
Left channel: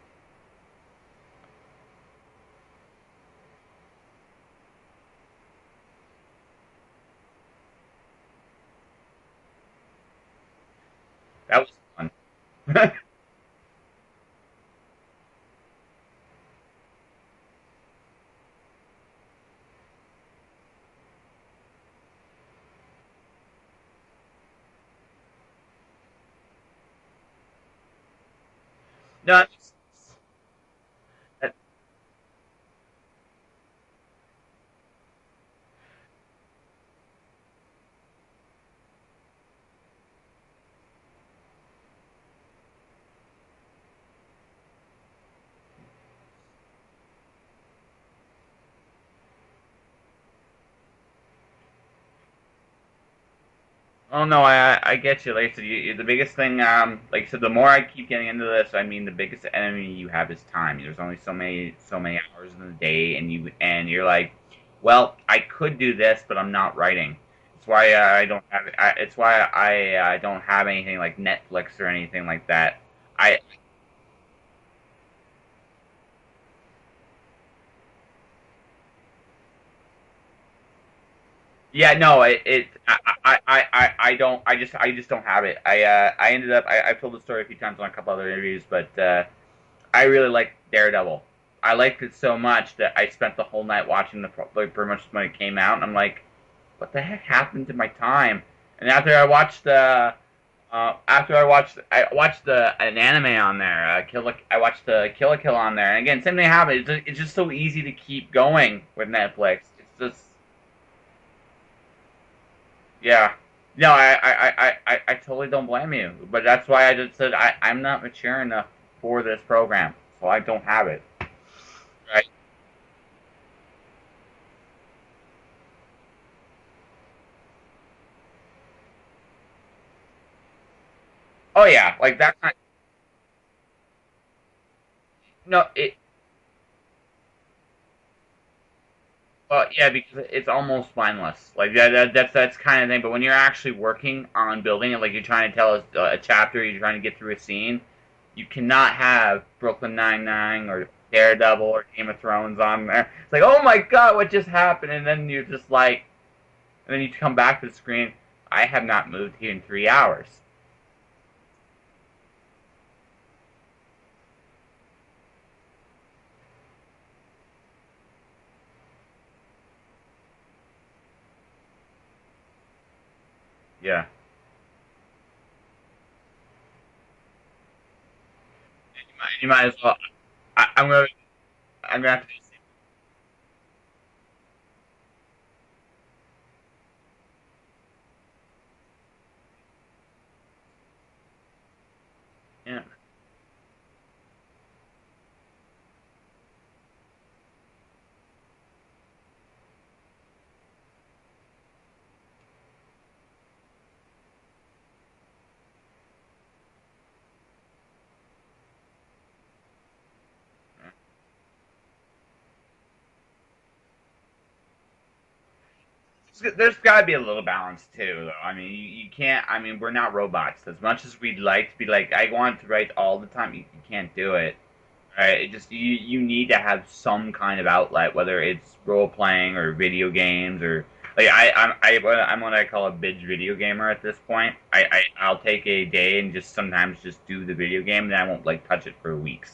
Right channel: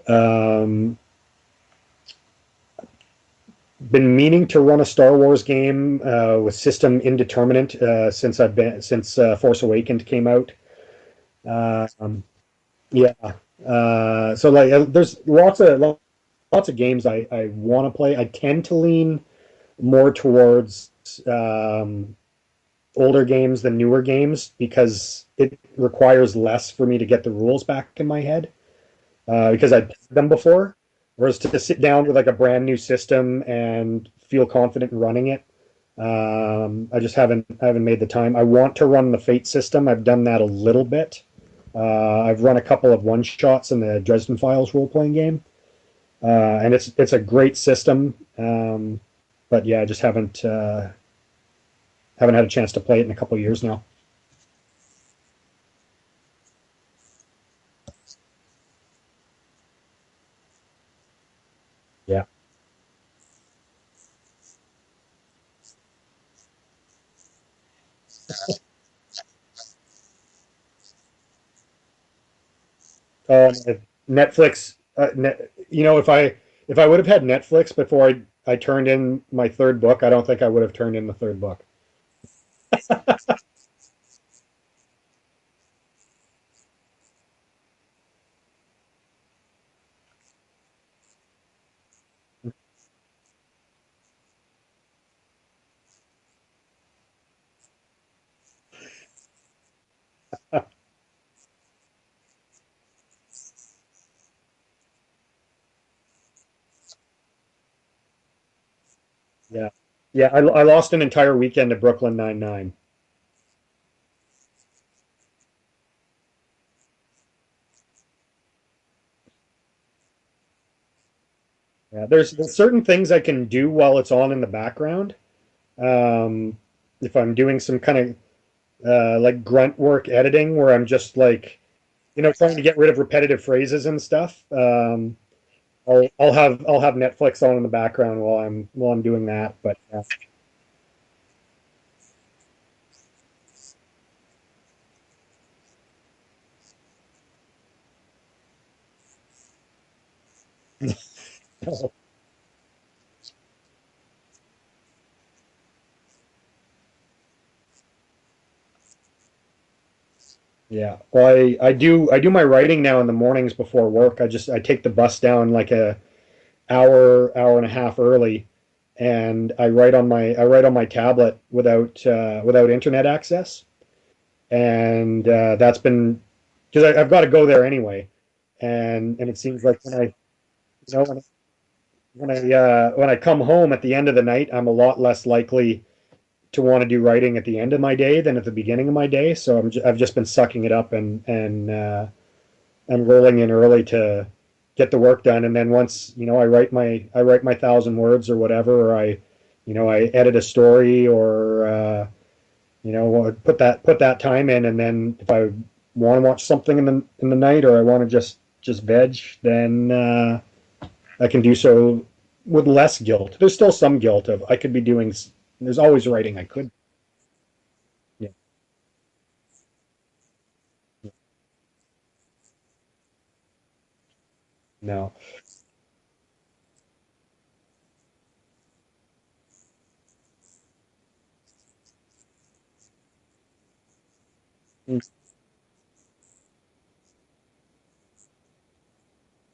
Um, been meaning to run a Star Wars game with system indeterminate since Force Awakened came out. that was Uh, fun. yeah. So like, there's lots of games I want to play. I tend to lean more towards older games than newer games because it requires less for me to get the rules back in my head No, because I'd played them before. Whereas to sit down with like a brand new system and feel confident in running it, I haven't made the time. I want to run the Fate system. I've done that a little bit. I've run a couple of one shots in the Dresden Files role playing game, and it's a great system. But yeah, I just haven't had a chance to play it in a couple of years now. oh no, I get you. Like I said, the biggest thing, like I said, the more I keep getting into this, I mean, the biggest enemy you have is time. There's only so many Yeah, hours in the day, and you're like, well, I could do this, but I'm not writing. It's why I don't have. It's why I don't have anything like Netflix or anything like that. I Netflix. If I would have had Netflix before I turned in my third book, I don't think I would have turned in the third book. Yeah, no, I just don't have it. I ended up I've told the story a few times on a couple other interviews, but I really like Daredevil. I liked it so much that I spent the whole night watching like pretty much when it came out, and I'm like, what the heck happened to my time? And after I watched an anime on there, I watched the Kill la Kill on there, and again, same thing happened. It's just so easy to keep going with Netflix. Yeah, It's just yeah. I lost an entire weekend to Brooklyn Nine-Nine. yeah. No, I totally don't blame you. But that's why I just said I'm not mature enough for this program. So I don't have it. Yeah, I, there's certain things I can do while it's on in the background. Um, if I'm doing some kind of like grunt work editing, where I'm just like oh yeah, like that. trying to get rid of repetitive phrases and stuff. No, I'll have Netflix on in the background while I'm doing that. well, But yeah, because it's almost mindless. Like that's kind of thing. But when you're actually working on building it, like you're trying to tell a chapter, you're trying to get through a scene, you cannot have Brooklyn Nine-Nine or Daredevil or Game of Thrones on there. It's like, oh my god, what just happened? And then you're just like, and then you come back to the screen. I have not moved here in 3 hours. yeah, well, I do my writing now in the mornings before work. I take the bus down like a hour and a half early, and I write on my tablet without internet access, Yeah. and that's been because I've got to go there anyway, and it You seems might as like well. I'm so gonna. I'm gonna have to. when I come home at the end of the night, I'm a lot less likely to want to do writing at the end of my day than at the beginning of my day. So I've just been sucking it up Yeah. and rolling in early to get the work done. And then once I write my 1,000 words or whatever, or I edit a story or put that time in. And then if I want to watch something in the night or I want to just veg, then I can do so with less guilt. There's still some guilt of I could be doing. There's always writing I could. There's got to be a little balance too, though. I mean, you can't. I mean, we're not robots. As much as we'd like to be like, I want to write all the time, you can't do it. No. Right? It just you need to have some kind of outlet, whether it's role playing or video games or like I'm what I call a binge video gamer at this point. I'll take a day and just sometimes just do the video game, and I won't like touch it for weeks,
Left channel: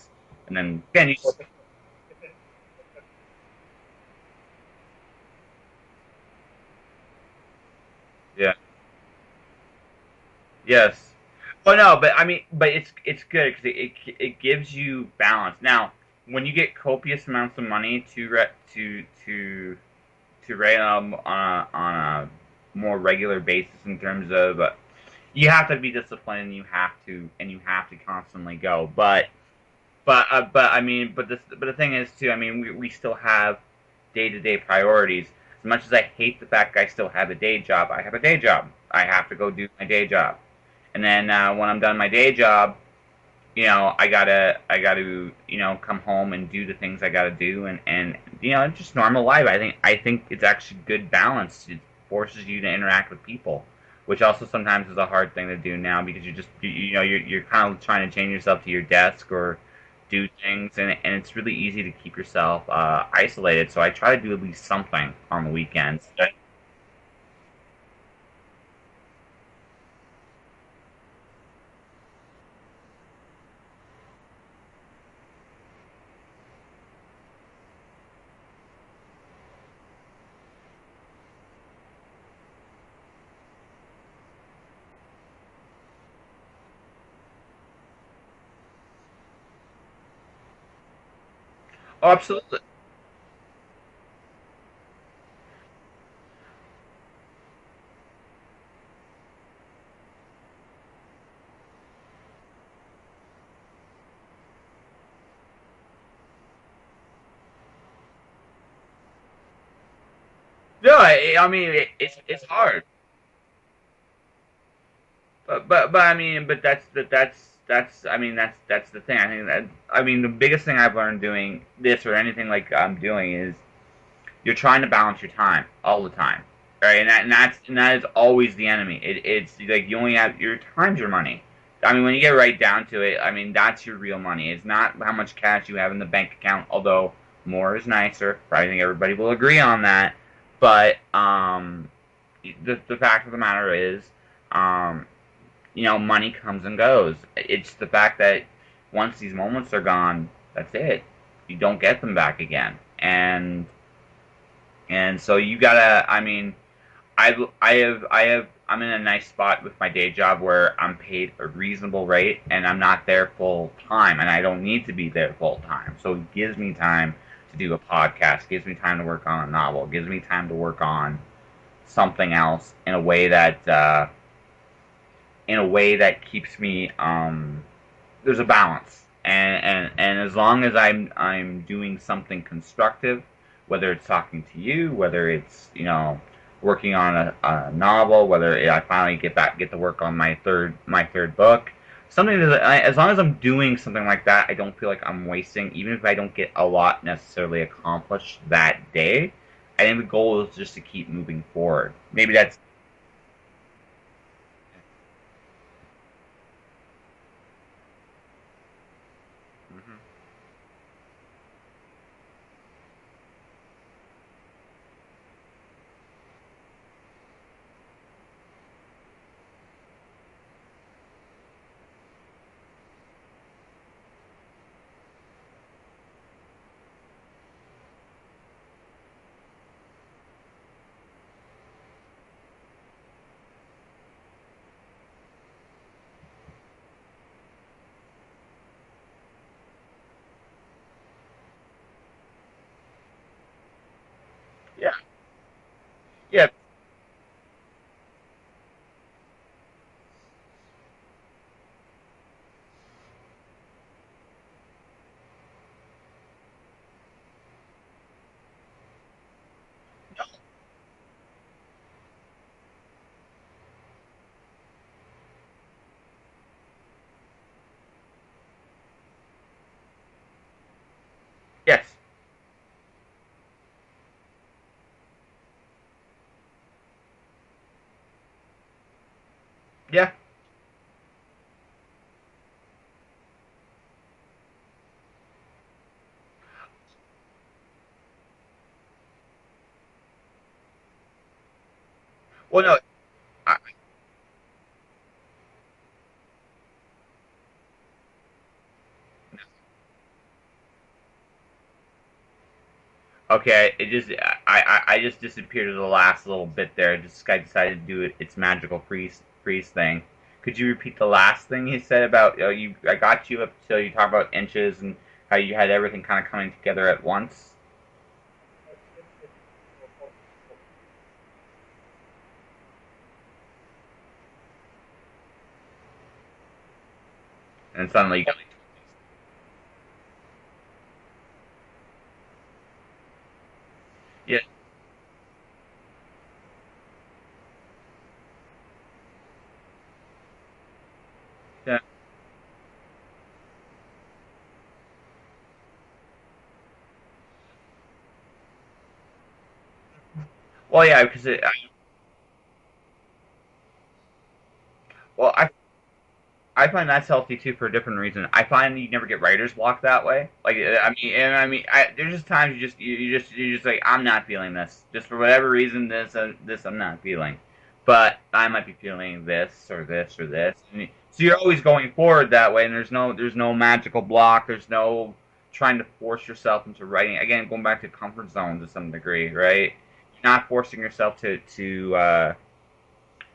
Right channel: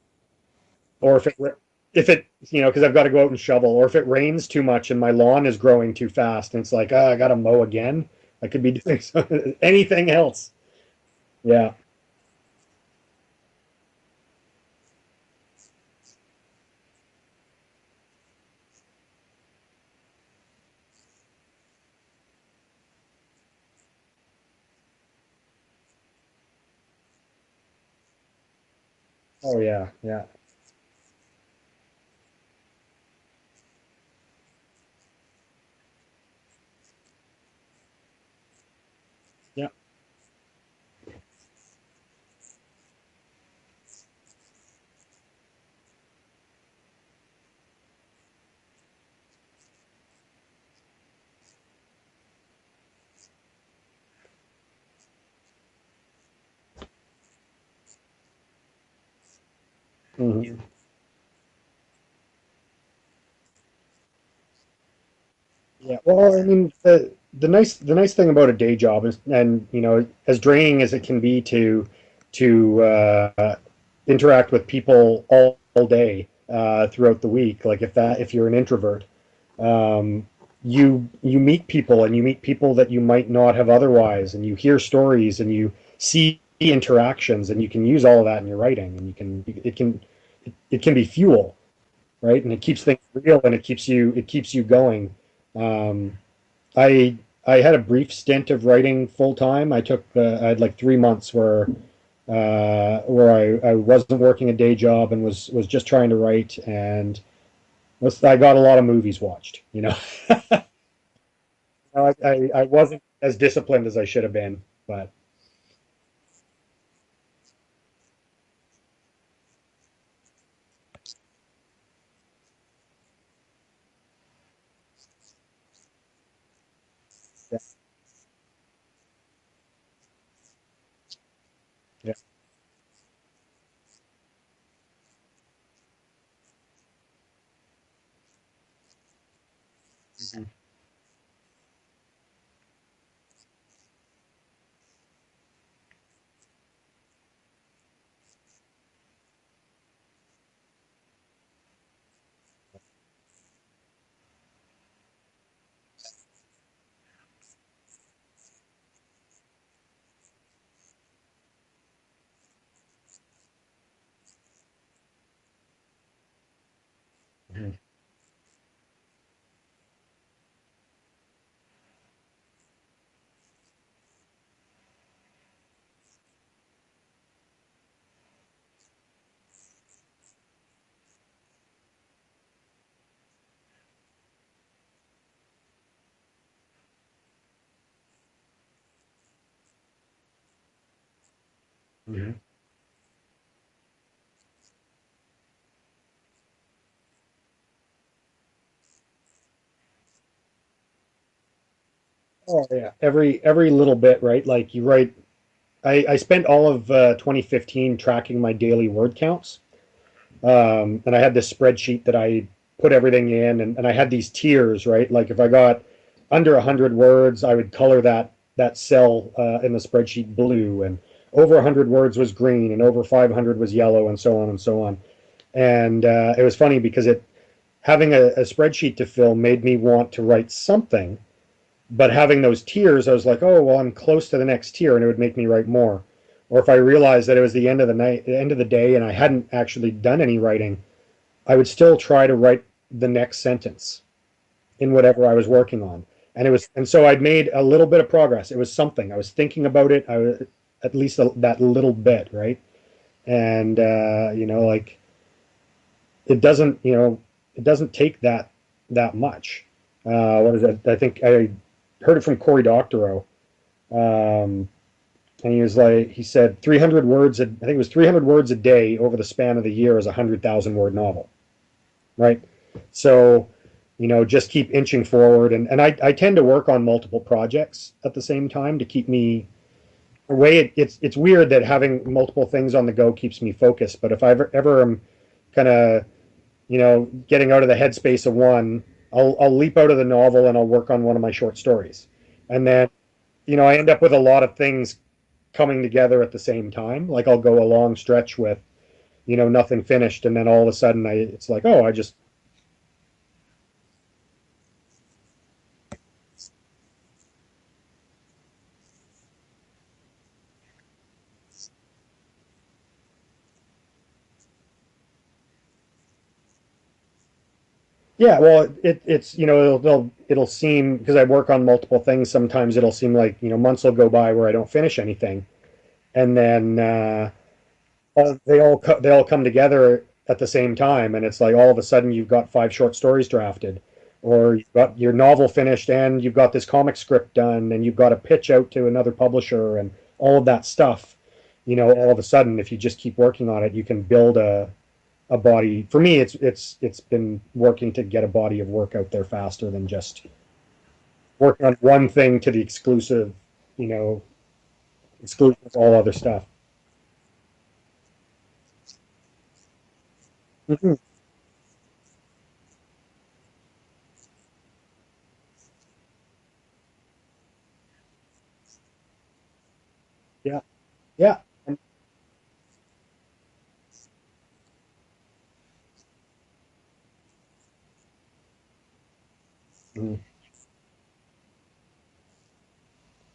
and then Or finish. if it, because I've got to go out and shovel, or if it rains too much and my lawn is growing too fast, and it's like, I got to mow again. I Yeah. could be doing anything else. Yes. Yeah. Well, no, but I mean, but it's good because it gives you balance. Now, when you get copious amounts of money to write on a more regular basis in terms of you have to be disciplined and you have to constantly go. Oh yeah. Yeah. But I mean, but the thing is too. I mean, we still have day to day priorities. As much as I hate the fact I still have a day job, I have a day job. I have to go do Yeah. my day job, and then when I'm done my day job, I gotta come home and do the things I gotta do, and just normal life. I think it's actually good balance. It forces you to interact with people, which also sometimes is a hard thing to do now because you're kind of trying to chain yourself to your desk or do Hmm. things, and it's really easy to keep yourself isolated. So I try to do at least something on the Yeah. weekends. Well, I mean, the nice thing about a day job is, and as draining as it can be to interact with people all day throughout the week, like if you're an introvert, um, you meet people, and you meet people that you might not have otherwise, and you hear stories, and you see interactions, and you can use all of that in your writing, and it can be fuel, Oh, right? And absolutely. it keeps things real, and it keeps you going. Um, I I had a brief stint of writing full time. I had like 3 months where I wasn't working a day job and was just trying to write, and I got a lot of movies watched. No, I mean it's I hard. wasn't as disciplined as I should have been, but But I mean, but that's I mean that's the thing. I think that I mean the biggest thing I've learned doing this or anything like I'm doing is you're trying to balance your time all the time, right? yeah, And that is always the enemy. It's like you only have your time's your money. I mean, when yeah. you get right down to it, I mean that's your real money. It's not how much cash you have in the bank account, although more is nicer. I think everybody will agree on that. Mhm. But the fact of the matter is, um, money comes and goes. It's the fact that once these moments are gone, that's it. You don't get them back again. And so you gotta. I mean, I'm in a nice spot with my day job where I'm paid a reasonable rate and I'm not there full time and I don't need to be there full time. So it gives me time to do a podcast, gives me time to work on a novel, gives me time to work on something else in a way that keeps me there's a balance, and as long as I'm doing something constructive, whether it's talking to you, whether it's working on a novel, whether I finally get to work on my third book, Mhm. something that as long as I'm doing something like that, I don't feel like I'm wasting, even if I don't get a lot necessarily accomplished that day. I think the goal is just to keep moving forward. Maybe that's Oh yeah, every little bit, right? Like you write. I spent all of 2015 tracking my daily word counts. And I had this spreadsheet that I put everything in, and I had these tiers, right? Like if I got under 100 words, I would color that cell in the spreadsheet blue, and over 100 words was green, and over 500 was yellow, and so on and so on. And it was funny because it having a spreadsheet to fill made me want to write something, but having those tiers, I was like, oh well, I'm close to the next tier, and it would make me write more. Or if I realized that it was the end of the night, the end of the day, and I hadn't actually done any writing, I would still try to write the next sentence in yeah, whatever I was working on. And yeah. so I'd made a little bit of progress. It was something. I was thinking about it. I was at least that little bit, right? And like it doesn't take that much. What is it? I think I heard it from Cory Doctorow, um, and he said 300 words. I think it was 300 words a day over the span of the year is a 100,000 word novel, Yes. right? So, just keep inching forward. And I tend to work on multiple projects at the same time to keep me Yeah. away. It's weird that having multiple things on the go keeps me focused. But if I ever am kind of, getting out of the headspace of one, I'll leap out of the novel and I'll work on one of my short stories. Well, And no. then, I, I end up with a lot of things coming together at the same time. Like I'll go a long stretch with nothing finished, and then all of a sudden it's like, oh, I just Okay, it just I just disappeared to the last little bit there. Just guy decided to do its magical freeze thing. Could you repeat the last thing he said about you? I got you up till you talk about inches and how you had everything kind of coming together at once. yeah, well, it's it'll seem, because I work on multiple things. Sometimes it'll seem like months will go by where I don't finish anything, and then And suddenly, they all come together at the same time, and it's like all of a sudden you've got 5 short stories drafted, yeah, or you've got your novel finished, and you've got this comic script done, and you've got a pitch out to another publisher, and all of that stuff. yeah. All of a sudden, if you just keep working on it, you can build a body. For me, it's been working to get a body of work out there faster than just Well, yeah, because working on one thing to the exclusive, you know, well, exclusive of all other stuff. I find that's healthy too for a different reason. I find you never get writer's block that way. Like Mhm. there's just times you just like I'm not feeling this. Just for whatever reason, this I'm not feeling. But I might be feeling this or this or this. Yeah, So yeah. you're always going forward that way, and there's no magical block. There's no trying to force yourself into writing. Again, going back to comfort zone to some degree, right? Mhm. You're not forcing yourself to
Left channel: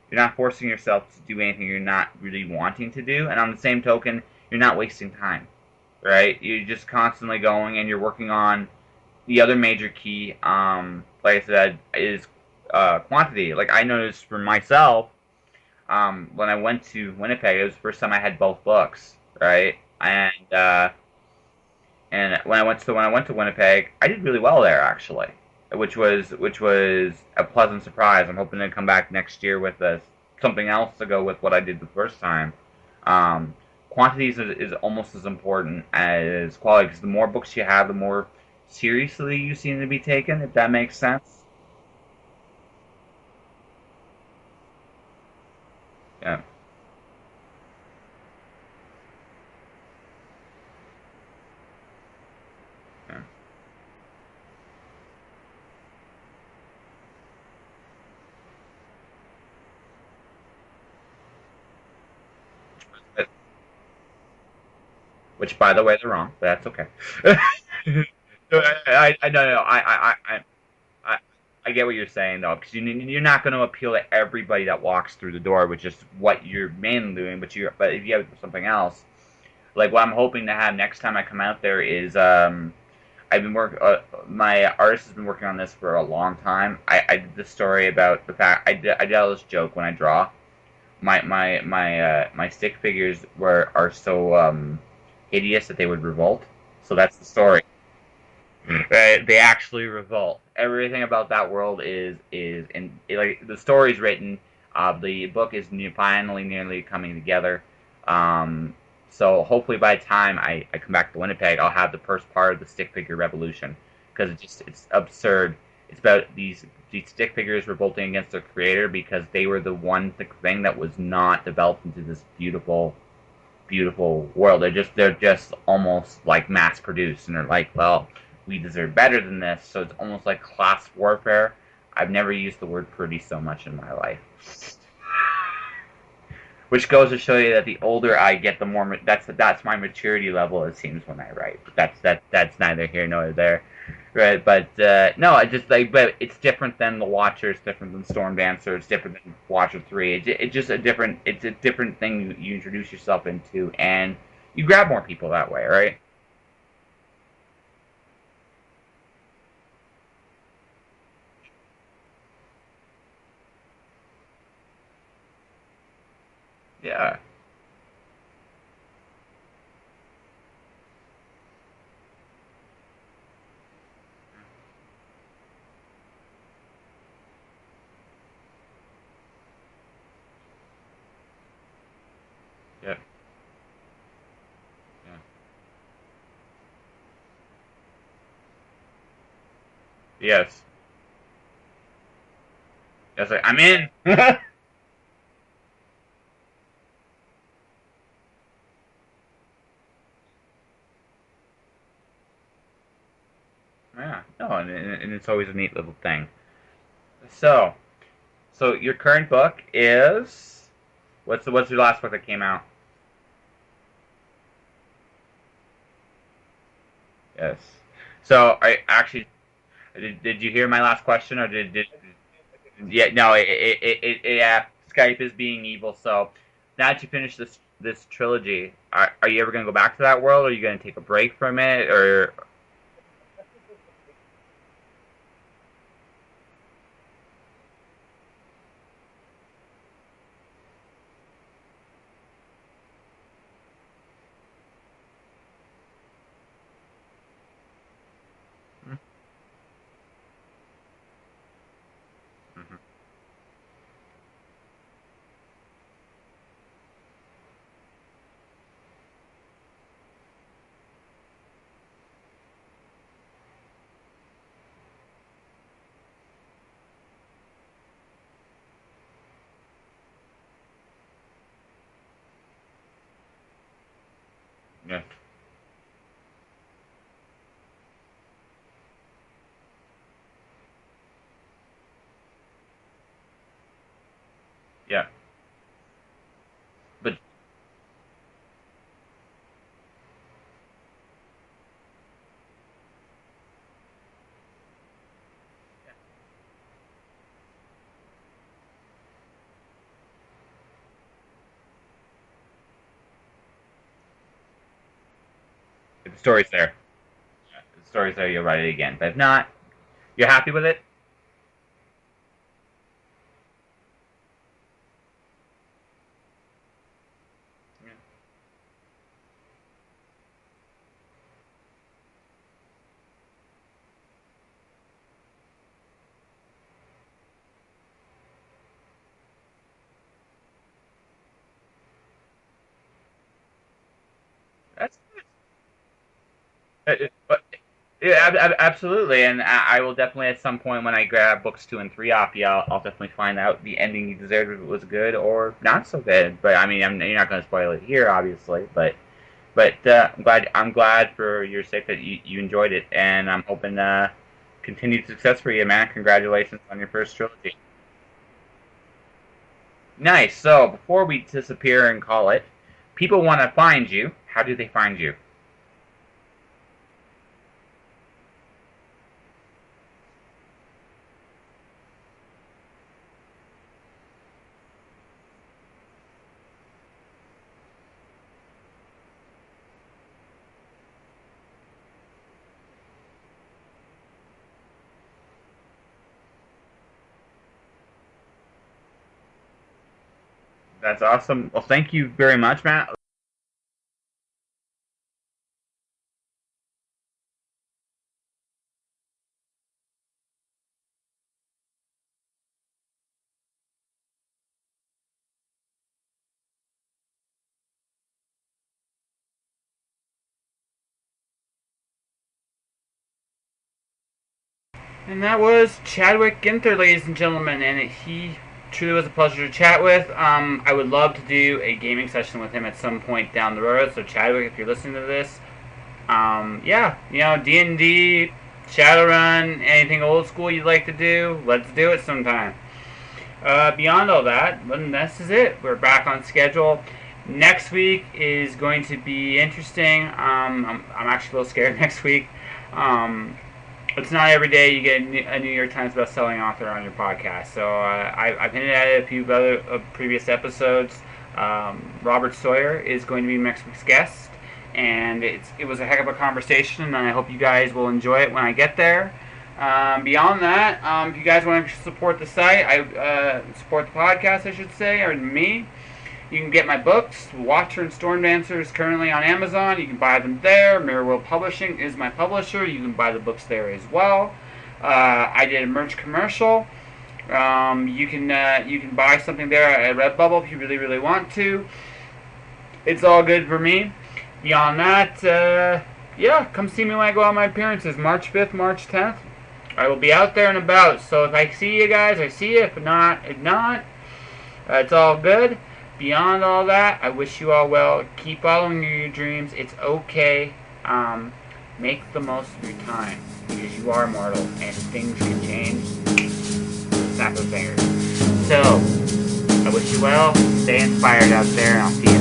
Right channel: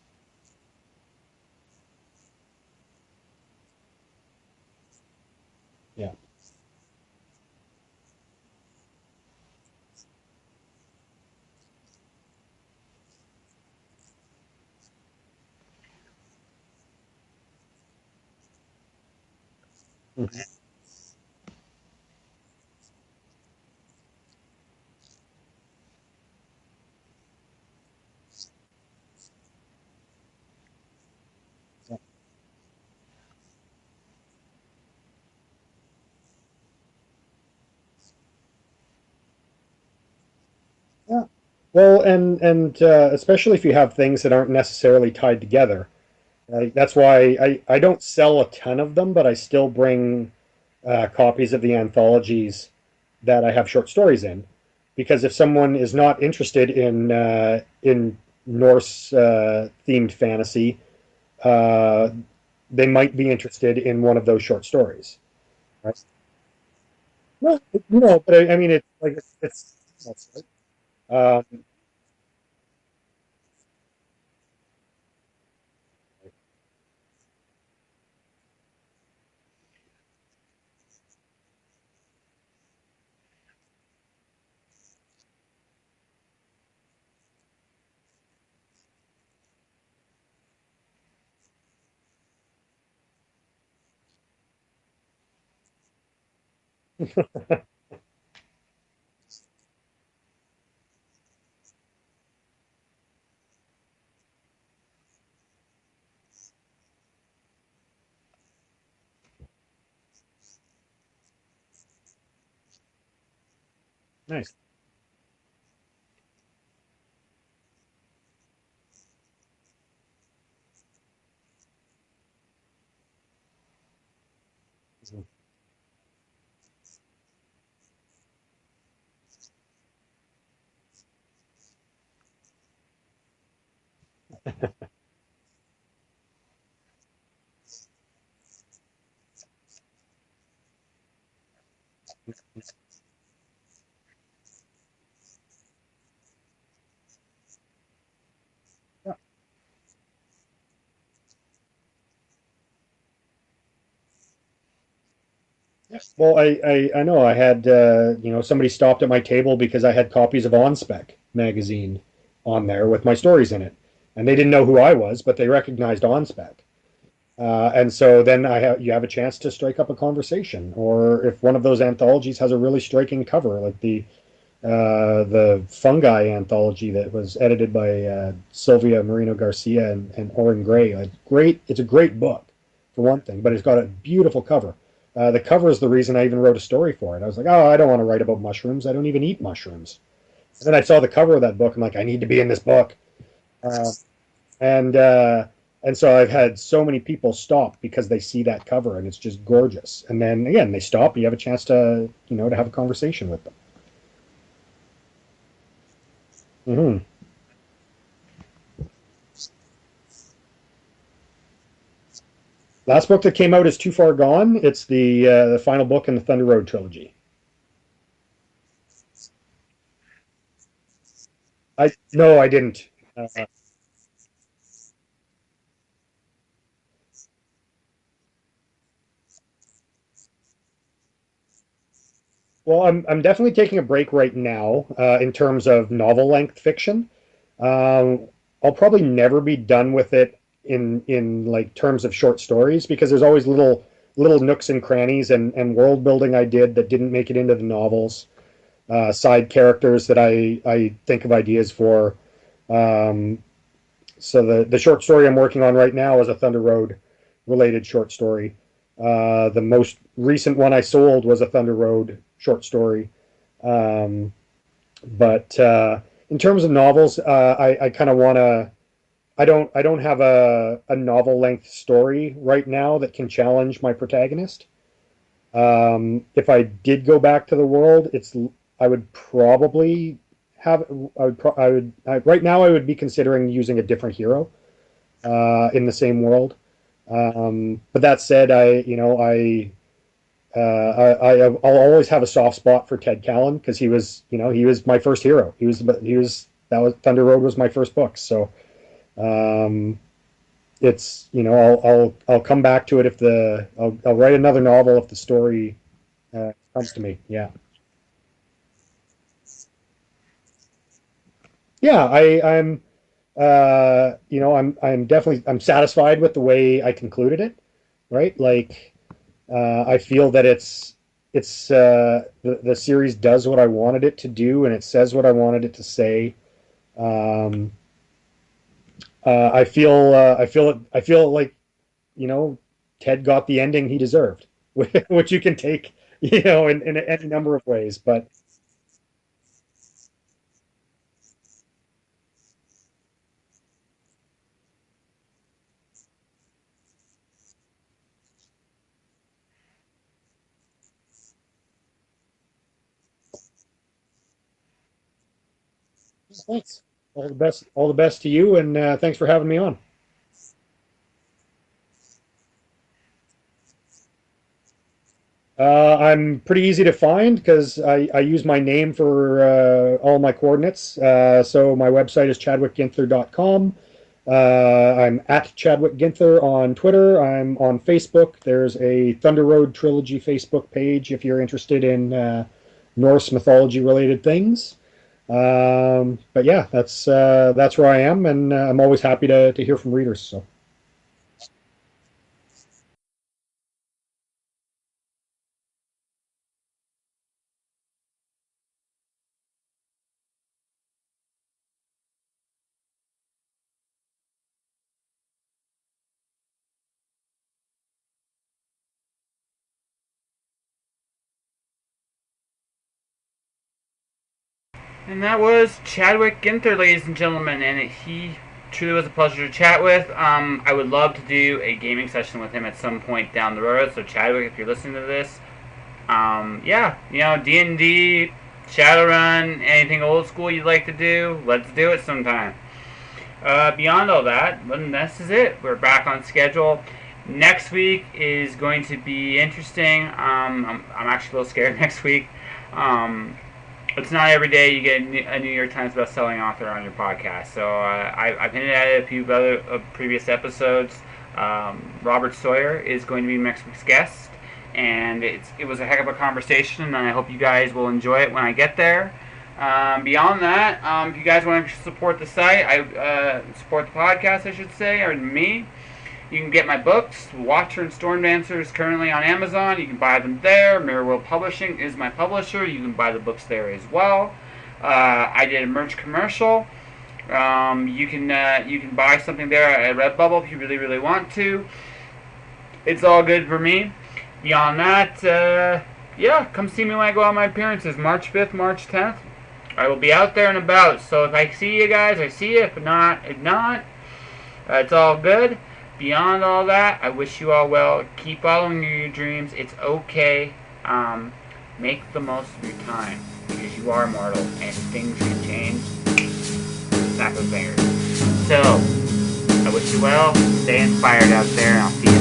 you're not forcing yourself to do anything you're not really wanting to do, and on the same token, you're not wasting time, Yeah. right? You're just constantly going, and you're working on the other major key. Like I said, is quantity. Like I noticed for myself, when I went to Winnipeg, it was the first time I had both books, right? Mhm. And when I went to Winnipeg, I did really well there actually, which was a pleasant surprise. I'm hoping to come back next year with something else to go with what I did the first time. Um, Quantities is almost as important as quality because the more books you have, the more seriously you seem to be taken. If that makes Yeah. sense. Well, and especially if you have things that aren't necessarily tied together. Yeah. That's why I don't sell a ton of them, but I still bring copies of the anthologies Yeah. that I have short stories in, because if someone is not interested in Norse themed fantasy, uh, they might be interested in one of those short stories. Which, by the way, Yes. they're wrong, but that's okay. No, no, but I mean, I no, no, I, um, I get what you're saying though, because you're not going to appeal to everybody that walks through the door with just what you're mainly doing, but if you have something else, like what I'm hoping to have next time I come out there is I've been my artist has been working on this for a long time. I did this story about the fact I did all this joke when I draw. My stick figures are so hideous that they would revolt. So that's the story. They actually revolt. Everything about that world is in like the story's written. The book is finally nearly coming together. Um, so hopefully by the time I come back to Winnipeg, I'll have the first part of the stick figure revolution because nice. it's absurd. It's about these stick figures revolting against their creator because they were the one thing that was not developed into this beautiful world. They're just almost like mass produced, and they're like, well, we deserve better than this. So it's almost like class warfare. I've never used the word pretty so much in my life. Which goes to show you that the older I get, the more that's my maturity level. It seems when I write, but that's neither here nor there, right? But no, I just like, but it's different than the Watcher. It's different than Storm Dancer. It's different than Watcher 3. It's just a different. It's a different thing you introduce yourself into, and you grab more people that way, right? Well, I know I had somebody stopped at my table because I had copies of On Spec magazine on there with my stories in it, and they didn't know who I was, but they recognized On Spec. Yeah, And so then you have a chance to strike up a conversation, or if one of those anthologies has a really striking cover, like the fungi anthology that was edited by Sylvia Marino Garcia and Oren Gray. It's a great book yeah, for one thing, but it's got a beautiful cover. yeah. The cover is the reason I even wrote a story for it. I was like, oh, I don't want to write about mushrooms. I don't even eat mushrooms. And Yes. then I saw the cover of that book. I'm like, I need to be in this book. That's like I'm in. Uh, and uh, and so I've had so many people stop because they see that cover and it's just gorgeous. And then again, they stop. And you have a chance to have a conversation with them. Yeah, no, and it's always a neat little thing. Hmm. So, so your current book is what's your last book that came out? Last book that came out is Too Far Gone. It's the final book in the Thunder Road Trilogy. Yes. So I actually did you hear my last question or did I this? No, I didn't. Yeah, no. Yeah. Skype is being evil. So now that you finish this trilogy, are you ever gonna go back to that world? Or are you gonna take a break from it? Or Well, I'm definitely taking a break right now in terms of novel length fiction. Um, I'll probably never be done with it in like terms of short stories because there's always little nooks and crannies and world building I did that didn't make it into the novels. Side characters that I think of ideas for. Um, so the short story I'm working on right now is a Thunder Road related short story. The most recent one I sold was a Thunder Road short story. Um, but in terms of novels, I kind of want to. I don't have a novel length story right now that can challenge my protagonist. yeah. If I did go back to the world, I would probably have right now I would be considering using a different hero Yeah. in the same world. But But that said, I'll always have a soft spot for Ted Callan because he was my first hero. That was Thunder Road was my first book. So um, I'll come back to it if I'll write another novel if the story the story's there. comes to me. Yeah. If the story's there, you'll write it again. But if not, you're happy with it? Yeah, I'm definitely I'm satisfied with the way I concluded it, right? Like I feel that the series does what I wanted it to do and it says what I wanted it to say. Um, I feel like Ted got the ending he deserved, which you can take in any number of ways. But Yeah, absolutely. And I will definitely at some point when I grab books 2 and 3 off you, I'll definitely find out the ending you deserved if it was good or not so good. But I mean, you're not going to spoil it here, obviously. But I'm glad for your sake that you enjoyed it, and I'm hoping continued success for you, man. Congratulations thanks. on your first All the trilogy. best. All the best to you, and thanks for having me on. Nice. So before we disappear and call it, people want to find you. How do they find you? I'm pretty easy to find because I use my name for all my coordinates. So my website is chadwickginther.com. I'm at Chadwick Ginther on Twitter. I'm on Facebook. There's a Thunder Road Trilogy Facebook page if you're interested in Norse mythology related things. But yeah, that's where I am, and I'm always happy to hear from readers. So That's awesome. Well, thank you very much, Matt. And that was Chadwick Ginther, ladies and gentlemen, and he truly was a pleasure to chat with. I would love to do a gaming session with him at some point down the road. So Chadwick, if you're listening to this, yeah, D&D, Shadowrun, anything old school you'd like to do, let's do it sometime. Beyond all that, this is it. We're back on schedule. Next week is going to be interesting. I'm actually a little scared next week. It's not every day you get a New York Times best-selling author on your podcast. So I've hinted at it a few other previous episodes. Robert Sawyer is going to be next week's guest, and it was a heck of a conversation, and I hope you guys will enjoy it when I get there. Beyond that, if you guys want to support the site, support the podcast, I should say, or me. You can get my books. Watcher and Stormdancer is currently on Amazon. You can buy them there. Mirror World Publishing is my publisher. You can buy the books there as well. I did a merch commercial. You can buy something there at Redbubble if you really, really want to. It's all good for me. Beyond that, yeah, come see me when I go on my appearances. March 5th, March 10th. I will be out there and about. So if I see you guys, I see you. If not, it's all good. Beyond all that, I wish you all well. Keep following your dreams. It's okay. Make the most of your time because you are mortal and things can change. Snap of fingers. So, I wish you well. Stay inspired out there, and I'll see you